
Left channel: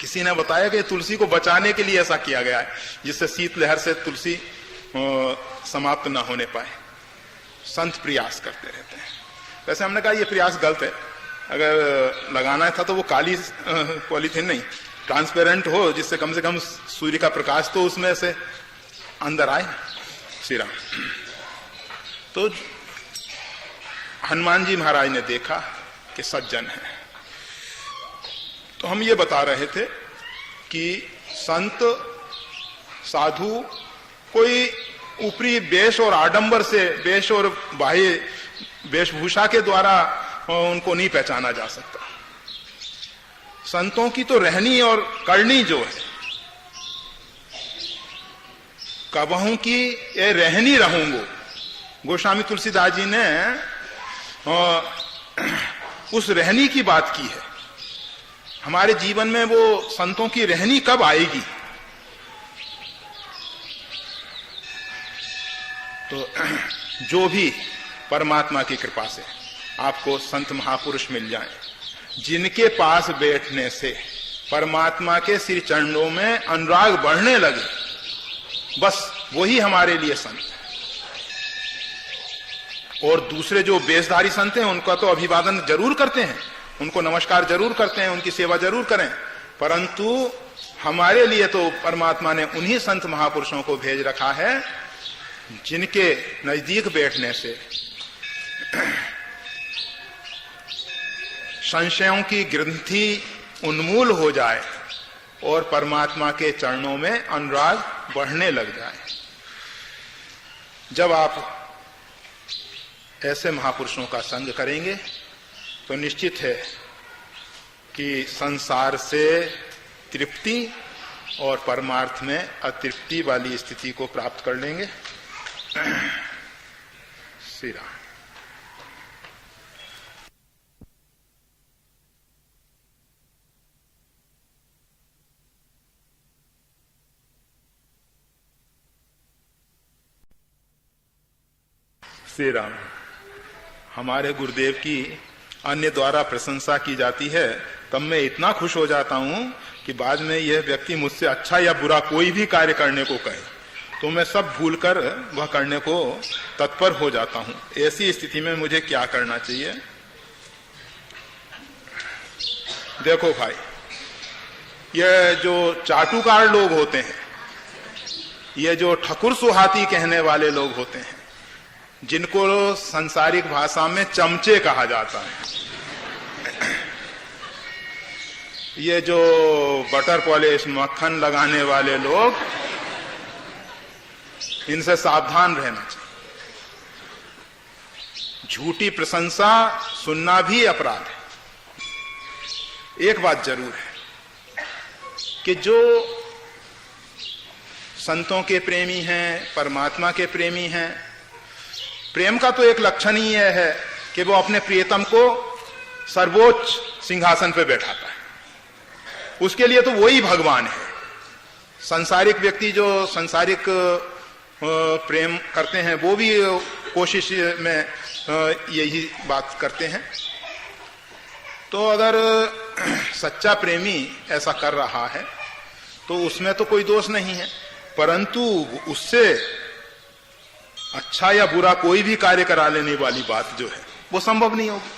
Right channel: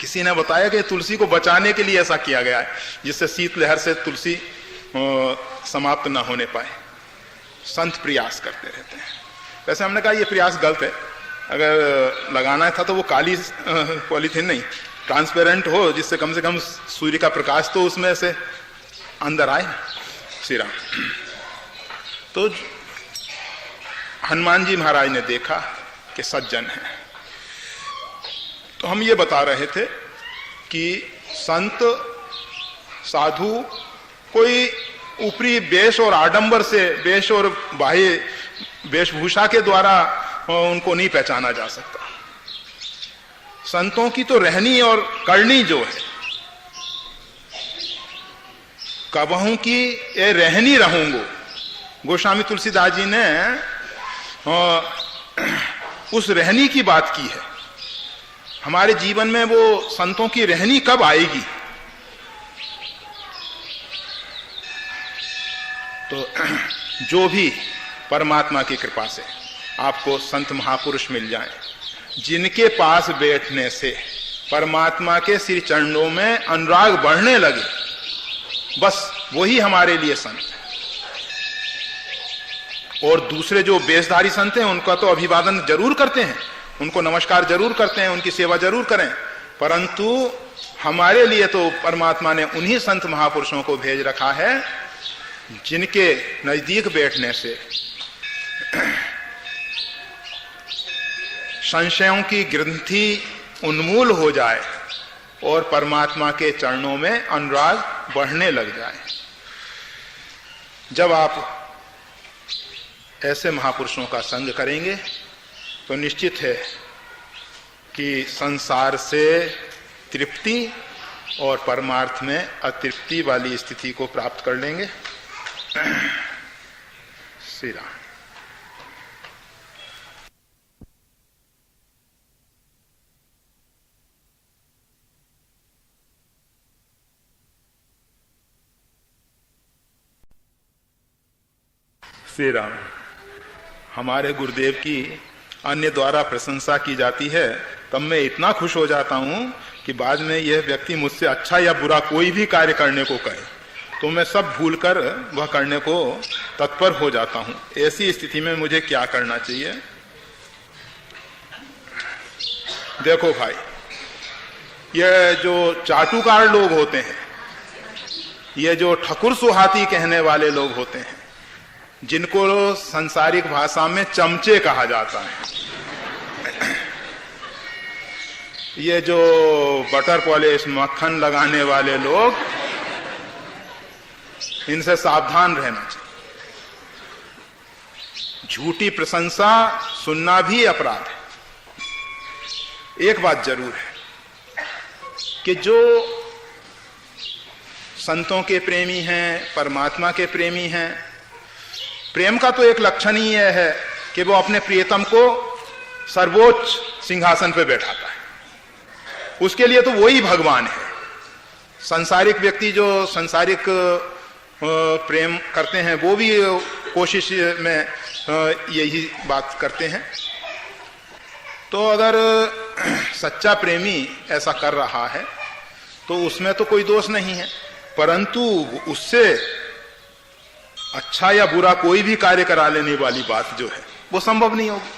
किसी ने बताया कि तुलसी को बचाने के लिए ऐसा किया गया है, जिससे शीतलहर से तुलसी समाप्त ना होने पाए। संत प्रयास करते रहते हैं। वैसे हमने कहा ये प्रयास गलत है। अगर लगाना था तो वो काली पॉलीथीन नहीं, ट्रांसपेरेंट हो, जिससे कम से कम सूर्य का प्रकाश तो उसमें से अंदर आए। श्री राम। तो हनुमान जी महाराज ने देखा कि सज्जन है, तो हम ये बता रहे थे कि संत साधु कोई ऊपरी वेश और आडंबर से, वेश और बाह्य वेशभूषा के द्वारा उनको नहीं पहचाना जा सकता। संतों की तो रहनी और करनी जो है, कबहू की ये रहनी रहूंगो। गोस्वामी तुलसीदास जी ने उस रहनी की बात की है। हमारे जीवन में वो संतों की रहनी कब आएगी? तो जो भी परमात्मा की कृपा से आपको संत महापुरुष मिल जाएं, जिनके पास बैठने से परमात्मा के श्री चरणों में अनुराग बढ़ने लगे, बस वही हमारे लिए संत है। और दूसरे जो वेशधारी संत हैं उनका तो अभिवादन जरूर करते हैं, उनको नमस्कार जरूर करते हैं, उनकी सेवा जरूर करें, परंतु हमारे लिए तो परमात्मा ने उन्हीं संत महापुरुषों को भेज रखा है जिनके नजदीक बैठने से संशयों की ग्रंथि उन्मूल हो जाए और परमात्मा के चरणों में अनुराग बढ़ने लग जाए। जब आप ऐसे महापुरुषों का संग करेंगे तो निश्चित है कि संसार से तृप्ति और परमार्थ में अतृप्ति वाली स्थिति को प्राप्त कर लेंगे। श्री राम। श्री राम। हमारे गुरुदेव की अन्य द्वारा प्रशंसा की जाती है, तब मैं इतना खुश हो जाता हूं कि बाद में यह व्यक्ति मुझसे अच्छा या बुरा कोई भी कार्य करने को कहे तो मैं सब भूलकर वह करने को तत्पर हो जाता हूं। ऐसी स्थिति में मुझे क्या करना चाहिए? देखो भाई, ये जो चाटुकार लोग होते हैं, ये जो ठकुर सुहाती कहने वाले लोग होते हैं, जिनको संसारिक भाषा में चमचे कहा जाता है, ये जो बटर पॉलिश मक्खन लगाने वाले लोग, इनसे सावधान रहना चाहिए। झूठी प्रशंसा सुनना भी अपराध है। एक बात जरूर है कि जो संतों के प्रेमी हैं, परमात्मा के प्रेमी हैं, प्रेम का तो एक लक्षण ही यह है कि वो अपने प्रियतम को सर्वोच्च सिंहासन पर बैठाता है। उसके लिए तो वही भगवान है। सांसारिक व्यक्ति जो सांसारिक प्रेम करते हैं वो भी कोशिश में यही बात करते हैं। तो अगर सच्चा प्रेमी ऐसा कर रहा है तो उसमें तो कोई दोष नहीं है, परंतु उससे अच्छा या बुरा कोई भी कार्य करा लेने वाली बात जो है वो संभव नहीं होगी,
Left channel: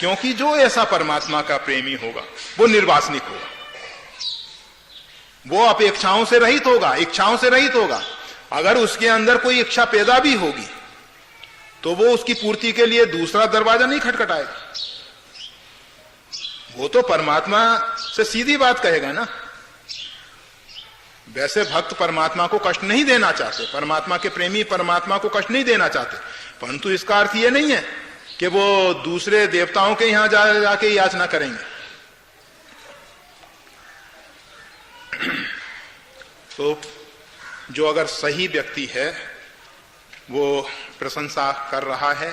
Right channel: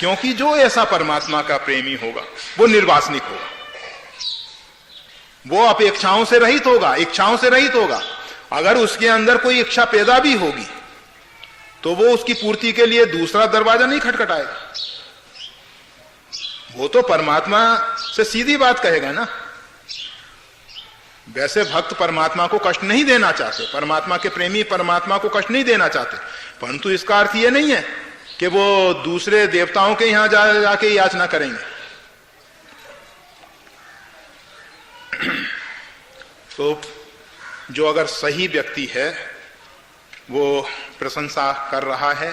क्योंकि जो ऐसा परमात्मा का प्रेमी होगा वो निर्वासनिक होगा, वो अपेक्षाओं से रहित होगा, इच्छाओं से रहित होगा। अगर उसके अंदर कोई इच्छा पैदा भी होगी तो वो उसकी पूर्ति के लिए दूसरा दरवाजा नहीं खटखटाएगा, वो तो परमात्मा से सीधी बात कहेगा ना। वैसे भक्त परमात्मा को कष्ट नहीं देना चाहते, परमात्मा के प्रेमी परमात्मा को कष्ट नहीं देना चाहते, परंतु इसका अर्थ ये नहीं है कि वो दूसरे देवताओं के यहां जाके याचना करेंगे। तो जो अगर सही व्यक्ति है वो प्रशंसा कर रहा है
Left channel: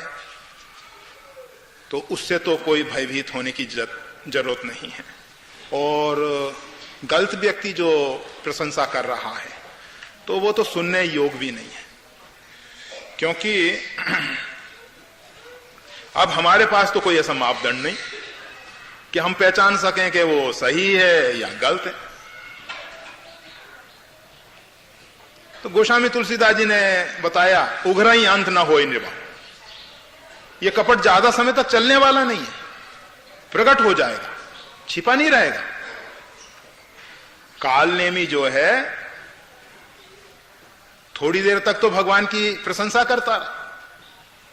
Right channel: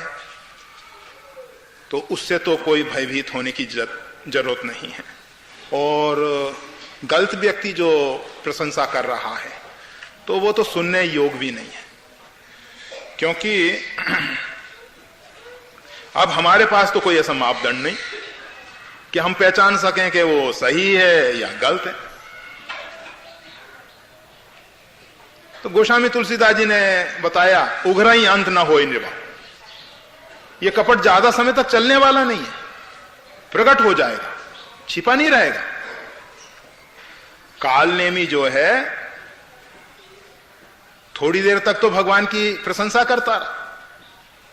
तो उससे तो कोई भयभीत होने की जरूरत नहीं है। और गलत व्यक्ति जो प्रशंसा कर रहा है तो वो तो सुनने योग भी नहीं है, क्योंकि अब हमारे पास तो कोई ऐसा मापदंड नहीं कि हम पहचान सकें कि वो सही है या गलत है। तो गोस्वामी तुलसीदास जी ने बताया, उघरा ही अंत ना होए निर्वाण। ये कपट ज्यादा समय तक चलने वाला नहीं है, प्रकट हो जाएगा, छिपा नहीं रहेगा। कालनेमी जो है थोड़ी देर तक तो भगवान की प्रशंसा करता रहा,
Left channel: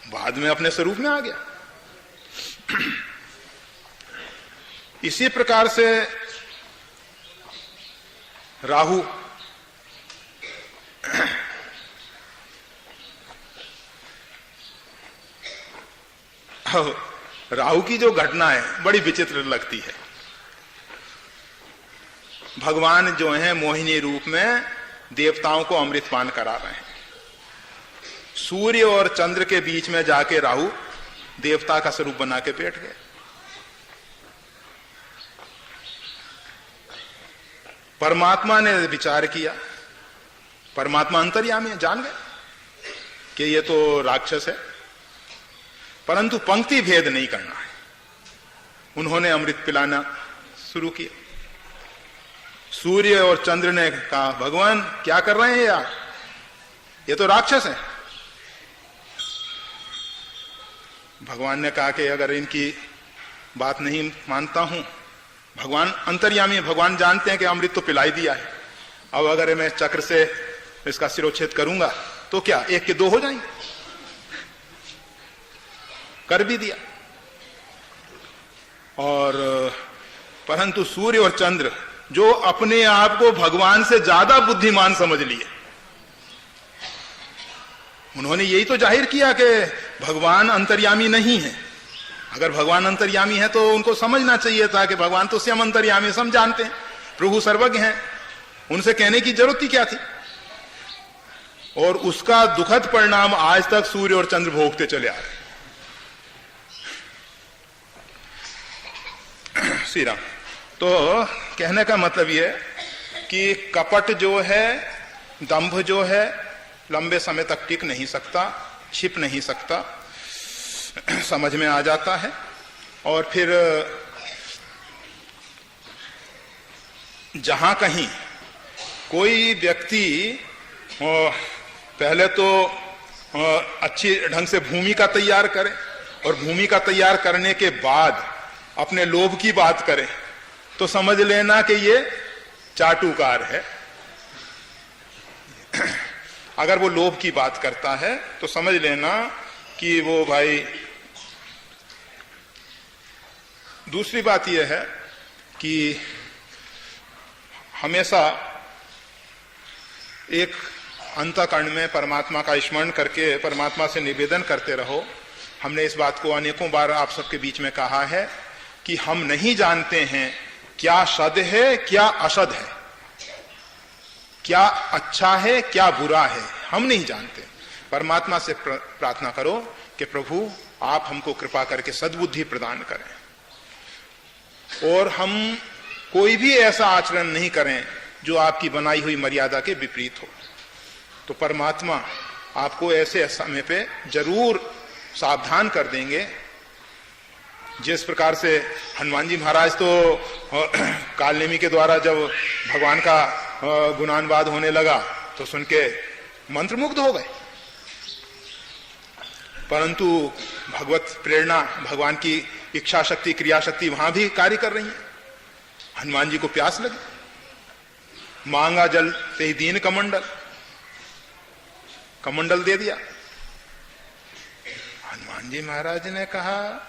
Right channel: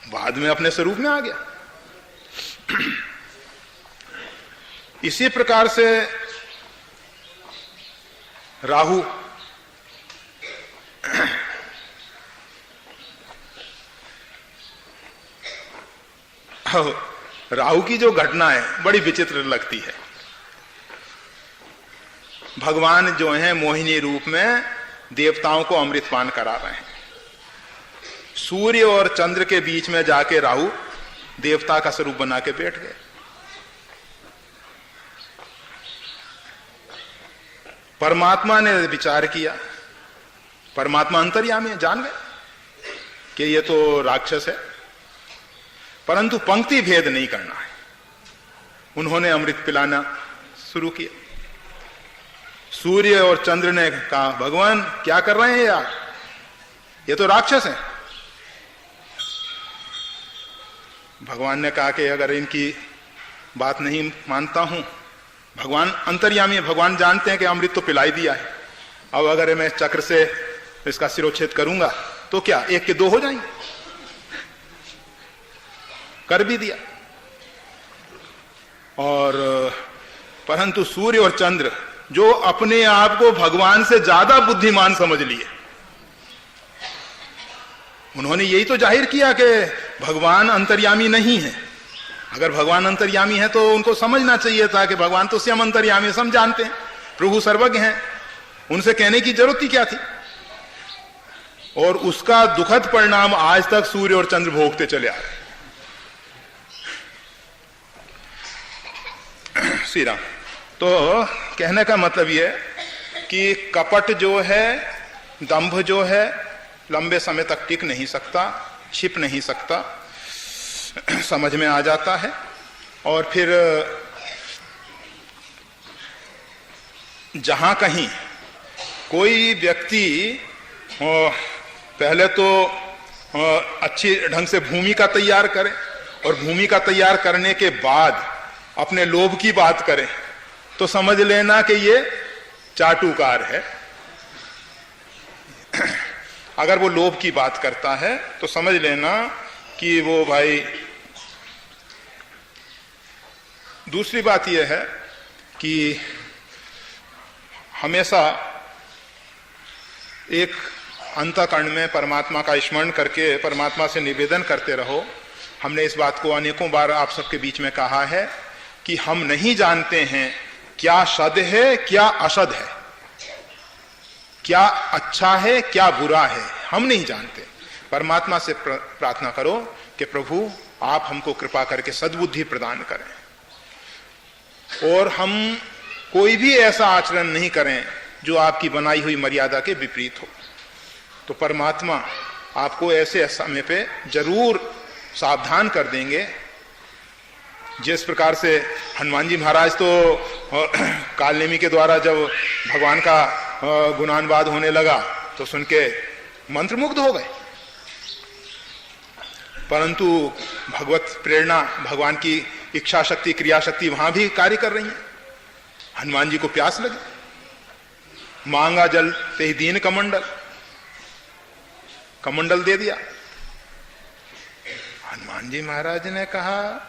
बाद में अपने स्वरूप में आ गया। इसी प्रकार से राहु राहु की जो घटना है बड़ी विचित्र लगती है। भगवान जो है मोहिनी रूप में देवताओं को अमृतपान करा रहे हैं। सूर्य और चंद्र के बीच में जाके राहु देवता का स्वरूप बना के बैठ गए। परमात्मा ने विचार किया, परमात्मा अंतर्यामी है, जान गए कि ये तो राक्षस है, परंतु पंक्ति भेद नहीं करना है। उन्होंने अमृत पिलाना शुरू किया। सूर्य और चंद्र ने कहा, भगवान क्या कर रहे हैं यार, ये तो राक्षस है। भगवान ने कहा कि अगर इनकी बात नहीं मानता हूं, भगवान अंतर्यामी है, भगवान जानते हैं कि अमृत तो पिलाई दिया है, अब अगर मैं चक्र से इसका सिरोच्छेद करूंगा तो क्या एक के दो हो जाएंगे। कर भी दिया। और परंतु सूर्य और चंद्र जो अपने आप को भगवान से ज्यादा बुद्धिमान समझ लिए, उन्होंने यही तो जाहिर किया कि भगवान अंतर्यामी नहीं है। अगर भगवान अंतर्यामी है तो उनको समझना चाहिए था कि भगवान तो स्वयं अंतर्यामी है, हम जानते हैं, प्रभु सर्वज्ञ हैं, उनसे कहने की जरूरत ही क्या थी। और उसका दुखद परिणाम आज तक सूर्य और चंद्र भोगते चले आ रहे। श्री राम। तो कहने का मतलब यह कि कपट जो है, दंभ जो है, लंबे समय तक टिक नहीं सकता। छिप नहीं सकता, समझ में आ जाता है। और फिर जहां कहीं कोई व्यक्ति पहले तो अच्छी ढंग से भूमिका तैयार करे और भूमिका तैयार करने के बाद अपने लोभ की बात करे तो समझ लेना कि ये चाटुकार है। अगर वो लोभ की बात करता है तो समझ लेना कि वो भाई। दूसरी बात यह है कि हमेशा एक अंतःकरण में परमात्मा का स्मरण करके परमात्मा से निवेदन करते रहो। हमने इस बात को अनेकों बार आप सबके बीच में कहा है कि हम नहीं जानते हैं क्या सद है क्या असद है, क्या अच्छा है क्या बुरा है, हम नहीं जानते। परमात्मा से प्रार्थना करो कि प्रभु आप हमको कृपा करके सद्बुद्धि प्रदान करें और हम कोई भी ऐसा आचरण नहीं करें जो आपकी बनाई हुई मर्यादा के विपरीत हो। तो परमात्मा आपको ऐसे समय पे जरूर सावधान कर देंगे। जिस प्रकार से हनुमान जी महाराज तो कालनेमी के द्वारा जब भगवान का गुणानुवाद होने लगा तो सुन के मंत्रमुग्ध हो गए, परंतु भगवत प्रेरणा, भगवान की इच्छा शक्ति, क्रिया शक्ति वहां भी कार्य कर रही है। हनुमान जी को प्यास लगी, मांगा जल ते दीन कमंडल, कमंडल दे दिया। हनुमान जी महाराज ने कहा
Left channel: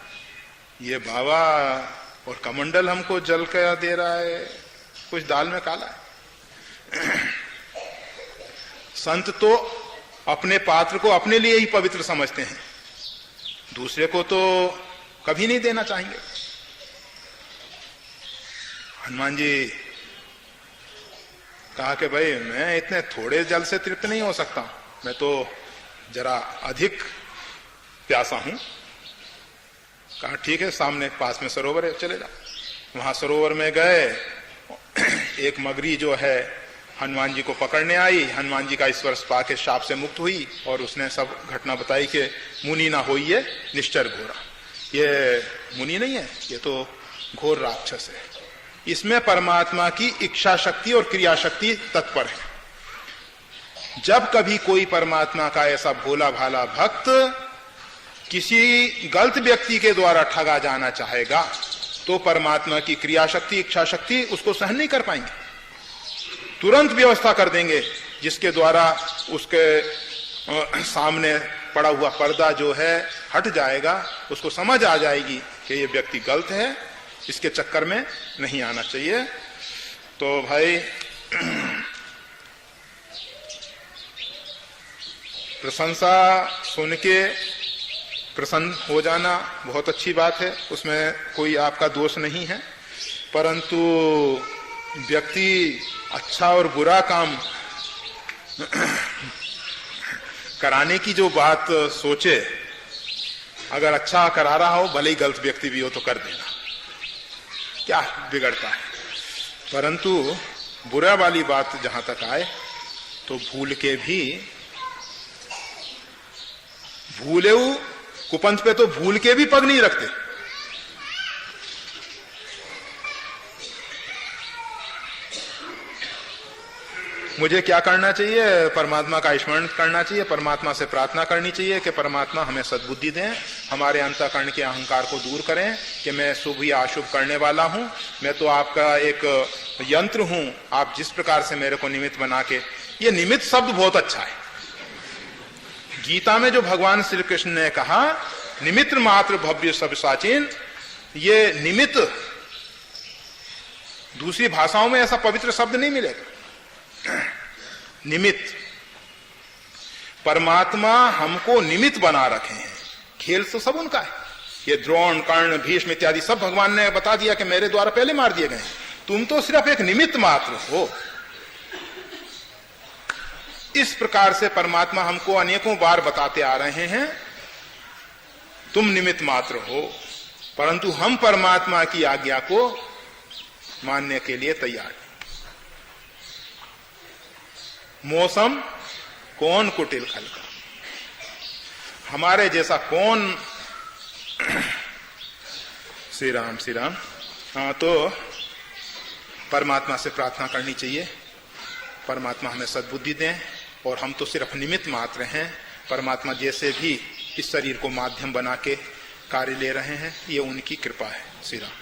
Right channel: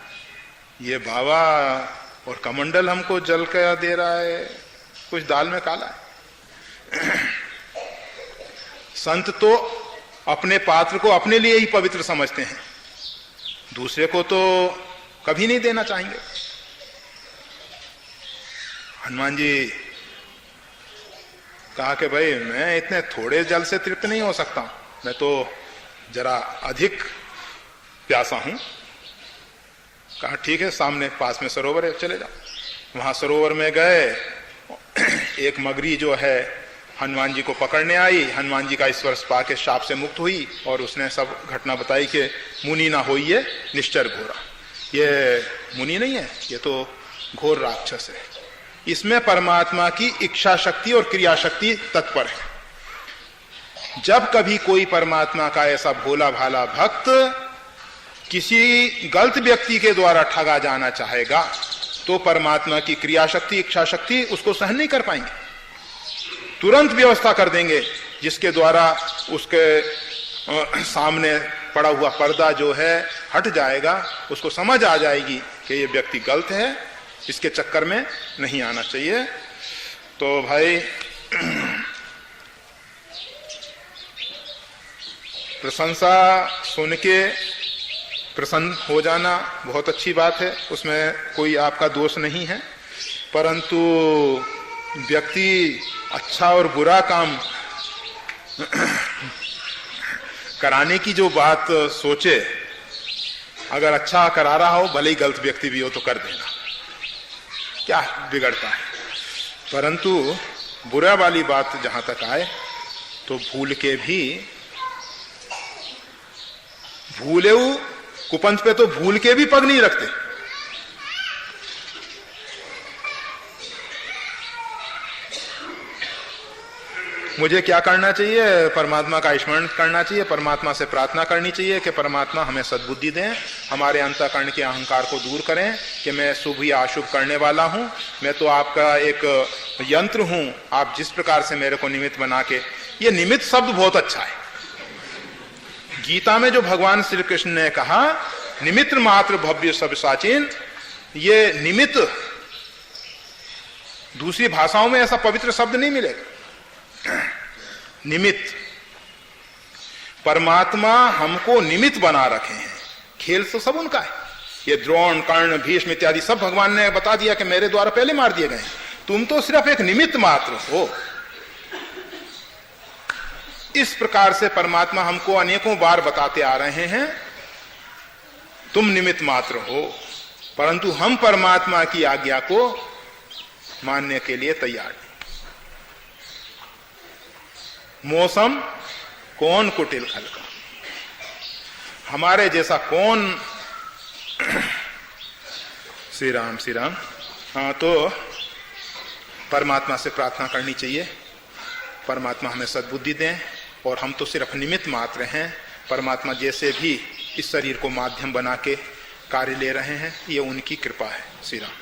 ये बाबा और कमंडल हमको जल का दे रहा है, कुछ दाल में काला है। संत तो अपने पात्र को अपने लिए ही पवित्र समझते हैं, दूसरे को तो कभी नहीं देना चाहेंगे। हनुमान जी कहा कि भाई मैं इतने थोड़े जल से तृप्त नहीं हो सकता, मैं तो जरा अधिक प्यासा हूं। कहा ठीक है, सामने पास में सरोवर है, चले जाओ। वहां सरोवर में गए, एक मगरी जो है हनुमान जी को पकड़ने आई, हनुमान जी का स्पर्श पाके शाप से मुक्त हुई और उसने सब घटना बताई कि मुनि ना होइए निश्चर घोरा, ये मुनि नहीं है, ये तो घोर राक्षस है। इसमें परमात्मा की इच्छा शक्ति और क्रिया शक्ति तत्पर है। जब कभी कोई परमात्मा का ऐसा भोला भाला भक्त किसी गलत व्यक्ति के द्वारा ठगा जाना चाहेगा तो परमात्मा की क्रिया शक्ति, इच्छा शक्ति उसको सहन नहीं कर पाएंगे, तुरंत व्यवस्था कर देंगे जिसके द्वारा उसके सामने पड़ा हुआ पर्दा जो है हट जाएगा, उसको समझ आ जाएगी कि ये व्यक्ति गलत है, इसके चक्कर में नहीं आना चाहिए। तो भाई प्रशंसा सुन के प्रसन्न हो जाना बहुत अच्छी बात है, उसमें कोई आपका दोष नहीं है, परंतु व्यक्ति अच्छा और बुरा काम कराने की जो बात सोचे, अगर अच्छा करा रहा हो भले ही गलत व्यक्ति भी हो तो कर देना, क्या बिगड़ता है। परंतु बुरा वाली बात जहां तक आए तो भूल के भी, भूले कुपंथ पे तो भूल के भी पग नहीं रखते। मुझे क्या करना चाहिए? परमात्मा का स्मरण करना चाहिए, परमात्मा से प्रार्थना करनी चाहिए कि परमात्मा हमें सद्बुद्धि दें, हमारे अंतःकरण के अहंकार को दूर करें कि मैं शुभ या अशुभ करने वाला हूं, मैं तो आपका एक यंत्र हूं, आप जिस प्रकार से मेरे को निमित्त बना के। ये निमित्त शब्द बहुत अच्छा है। गीता में जो भगवान श्री कृष्ण ने कहा निमित्त मात्र भव्य सब साचिन, ये निमित्त दूसरी भाषाओं में ऐसा पवित्र शब्द नहीं मिलेगा। निमित्त, परमात्मा हमको निमित्त बना रखे हैं, खेल तो सब उनका है। ये द्रोण, कर्ण, भीष्म इत्यादि सब भगवान ने बता दिया कि मेरे द्वारा पहले मार दिए गए, तुम तो सिर्फ एक निमित्त मात्र हो। इस प्रकार से परमात्मा हमको अनेकों बार बताते आ रहे हैं तुम निमित्त मात्र हो, परंतु हम परमात्मा की आज्ञा को मानने के लिए तैयार। मौसम कौन कुटिल खल का, हमारे जैसा कौन। श्री राम श्री राम। हाँ, तो परमात्मा से प्रार्थना करनी चाहिए, परमात्मा हमें सद्बुद्धि दें, और हम तो सिर्फ निमित्त मात्र हैं। परमात्मा जैसे भी इस शरीर को माध्यम बना के कार्य ले रहे हैं, ये उनकी कृपा है। श्री राम।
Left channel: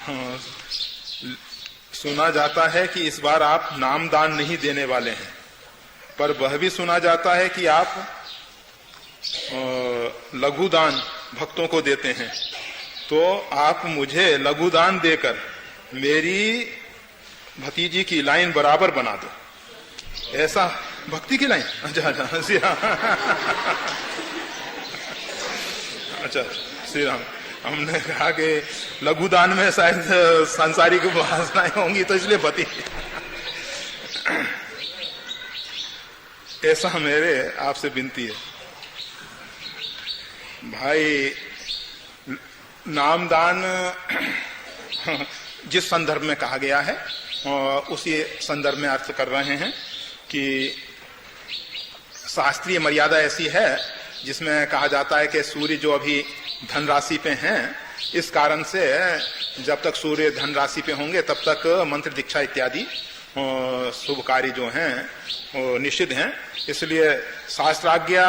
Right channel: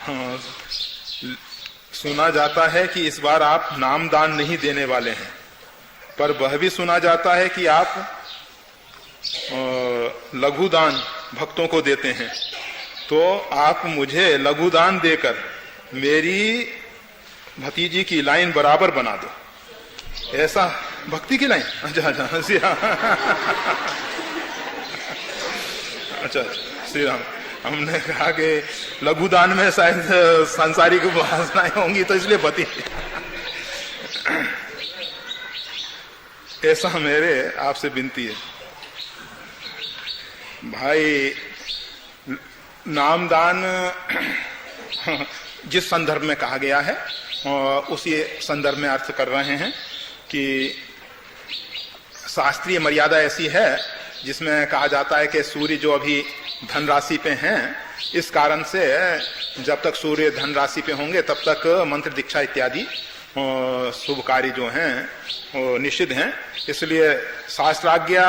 हाँ, सुना जाता है कि इस बार आप नामदान नहीं देने वाले हैं, पर वह भी सुना जाता है कि आप लघुदान भक्तों को देते हैं। तो आप मुझे लघुदान देकर मेरी भतीजी की लाइन बराबर बना दो। ऐसा भक्ति की लाइन? अच्छा अच्छा, श्री राम। अच्छा श्री राम। हमने कहा कि लघुदान में शायद सांसारिक वासनाएं होंगी, तो इसलिए भती। ऐसा मेरे आपसे विनती है भाई। नामदान जिस संदर्भ में कहा गया है उसी संदर्भ में अर्थ कर रहे हैं कि शास्त्रीय मर्यादा ऐसी है जिसमें कहा जाता है कि सूर्य जो अभी धन राशि पे हैं, इस कारण से जब तक सूर्य धन राशि पे होंगे तब तक मंत्र दीक्षा इत्यादि शुभ कार्य जो हैं निषिद्ध हैं। इसलिए शास्त्राज्ञा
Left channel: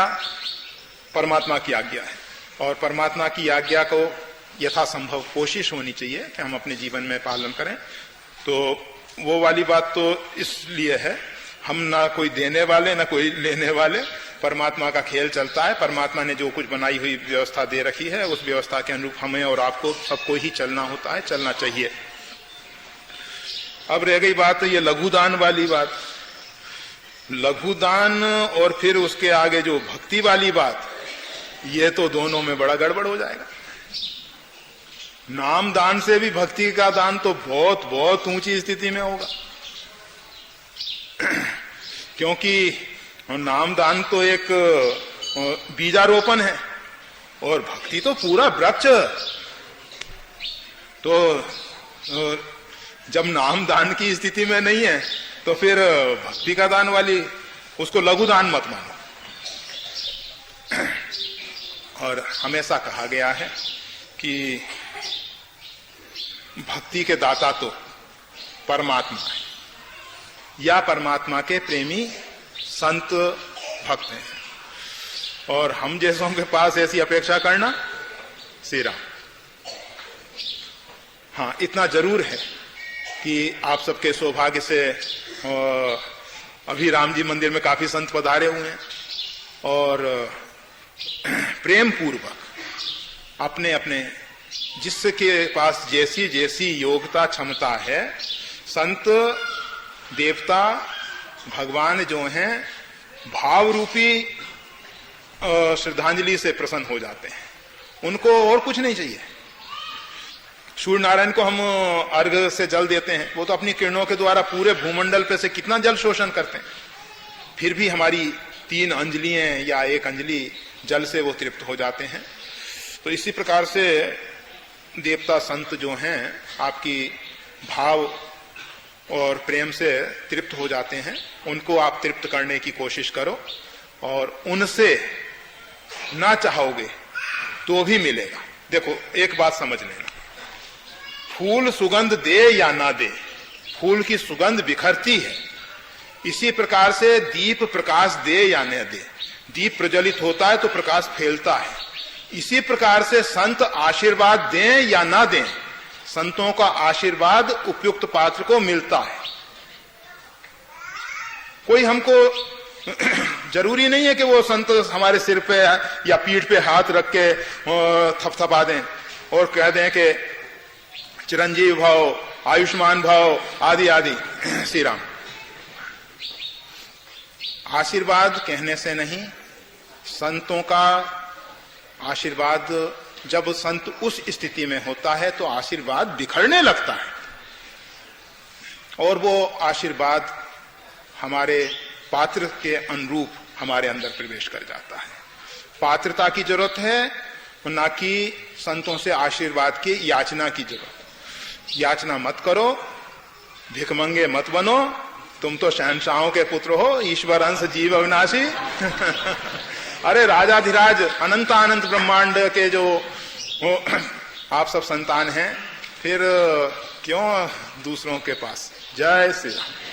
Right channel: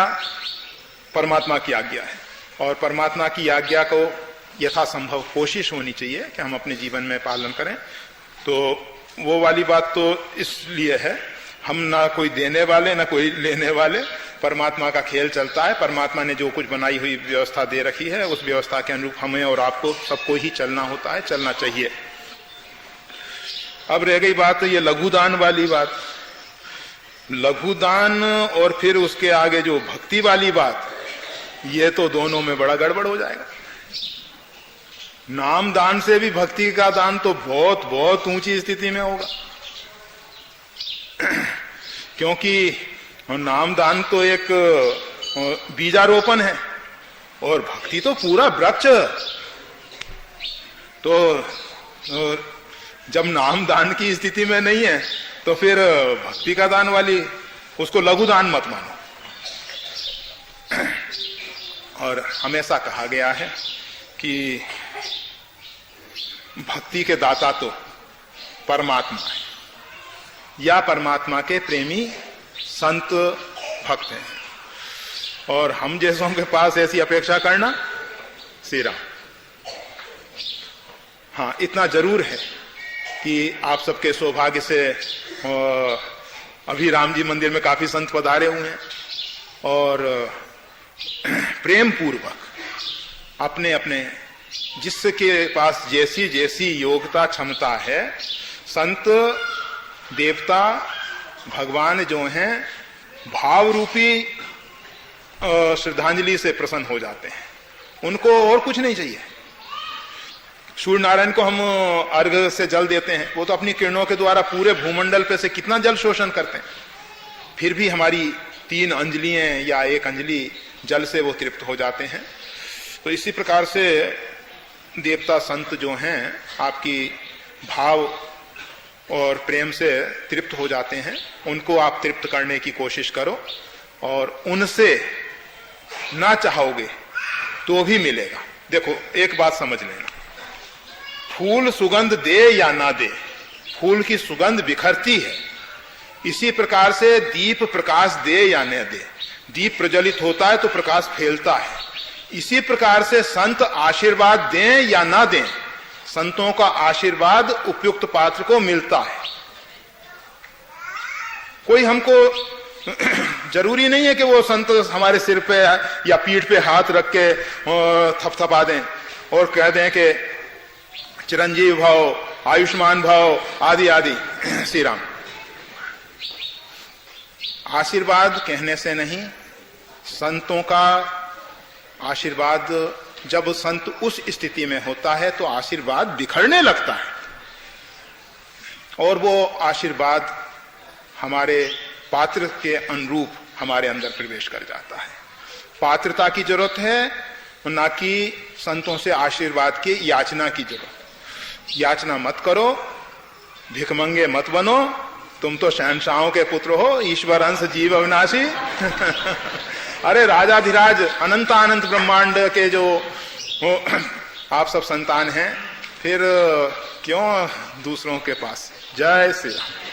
परमात्मा की आज्ञा है, और परमात्मा की आज्ञा को यथासंभव कोशिश होनी चाहिए कि हम अपने जीवन में पालन करें। तो वो वाली बात तो इसलिए है, हम ना कोई देने वाले ना कोई लेने वाले, परमात्मा का खेल चलता है। परमात्मा ने जो कुछ बनाई हुई व्यवस्था दे रखी है, उस व्यवस्था के अनुरूप हमें और आपको सबको ही चलना होता है, चलना चाहिए। अब रह गई बात तो ये लघुदान वाली बात। लघुदान और फिर उसके आगे जो भक्ति वाली बात, ये तो दोनों में बड़ा गड़बड़ हो जाएगा। नाम दान से भी भक्ति का दान तो बहुत बहुत ऊंची स्थिति में होगा, क्योंकि नाम दान तो एक बीजारोपण है और भक्ति तो पूरा वृक्ष। तो जब नाम दान की स्थिति में नहीं है तो फिर भक्ति का दान वाली उसको लघु दान मत मानो। और हमेशा कहा गया है कि भक्ति के दाता तो परमात्मा है, या परमात्मा के प्रेमी संत भक्त हैं, और हम जैसों के पास ऐसी अपेक्षा करना श्री राम। हाँ, इतना जरूर है कि आप सबके सौभाग्य से अभी राम जी मंदिर में काफी संत पधारे हुए हैं, और प्रेम पूर्वक अपने अपने जिसके पास जैसी जैसी योग्यता क्षमता है, संत देवता भगवान जो हैं भाव रूपी श्रद्धांजलि से प्रसन्न हो जाते हैं। उनको और कुछ नहीं चाहिए। सूर्य नारायण को हम अर्घ से जल देते हैं, वो तो अपनी किरणों के द्वारा पूरे भूमंडल पे से कितना जल शोषण करते हैं, फिर भी हमारी 3 अंजलियां या 1 अंजलि जल से वो तृप्त हो जाते हैं। तो इसी प्रकार से देवता संत जो हैं आपकी भाव और प्रेम से तृप्त हो जाते हैं, उनको आप तृप्त करने की कोशिश करो, और उनसे ना चाहोगे तो भी मिलेगा। देखो एक बात समझ लेना, फूल सुगंध दे या ना दे, फूल की सुगंध बिखरती है। इसी प्रकार से दीप प्रकाश दे या न दे, दीप प्रज्वलित होता है तो प्रकाश फैलता है। इसी प्रकार से संत आशीर्वाद दें या ना दें, संतों का आशीर्वाद उपयुक्त पात्र को मिलता है। कोई हमको जरूरी नहीं है कि वो संत हमारे सिर पे या पीठ पे हाथ रख के थपथपा दें और कह दें कि चिरंजीव भव, आयुष्मान भव आदि आदि। श्री राम। आशीर्वाद कहने से नहीं, संतों का आशीर्वाद जब संत उस स्थिति में होता है तो आशीर्वाद बिखरने लगता है, और वो आशीर्वाद हमारे पात्र के अनुरूप हमारे अंदर प्रवेश कर जाता है। पात्रता की जरूरत है, ना कि संतों से आशीर्वाद की याचना की जरूरत। याचना मत करो, भिखमंगे मत बनो, तुम तो शहंशाहों के पुत्र हो, ईश्वर अंश जीव अविनाशी। अरे राजाधिराज अनंत अनंत ब्रह्मांड के जो आप सब संतान हैं, फिर क्यों दूसरों के पास। जय श्री राम।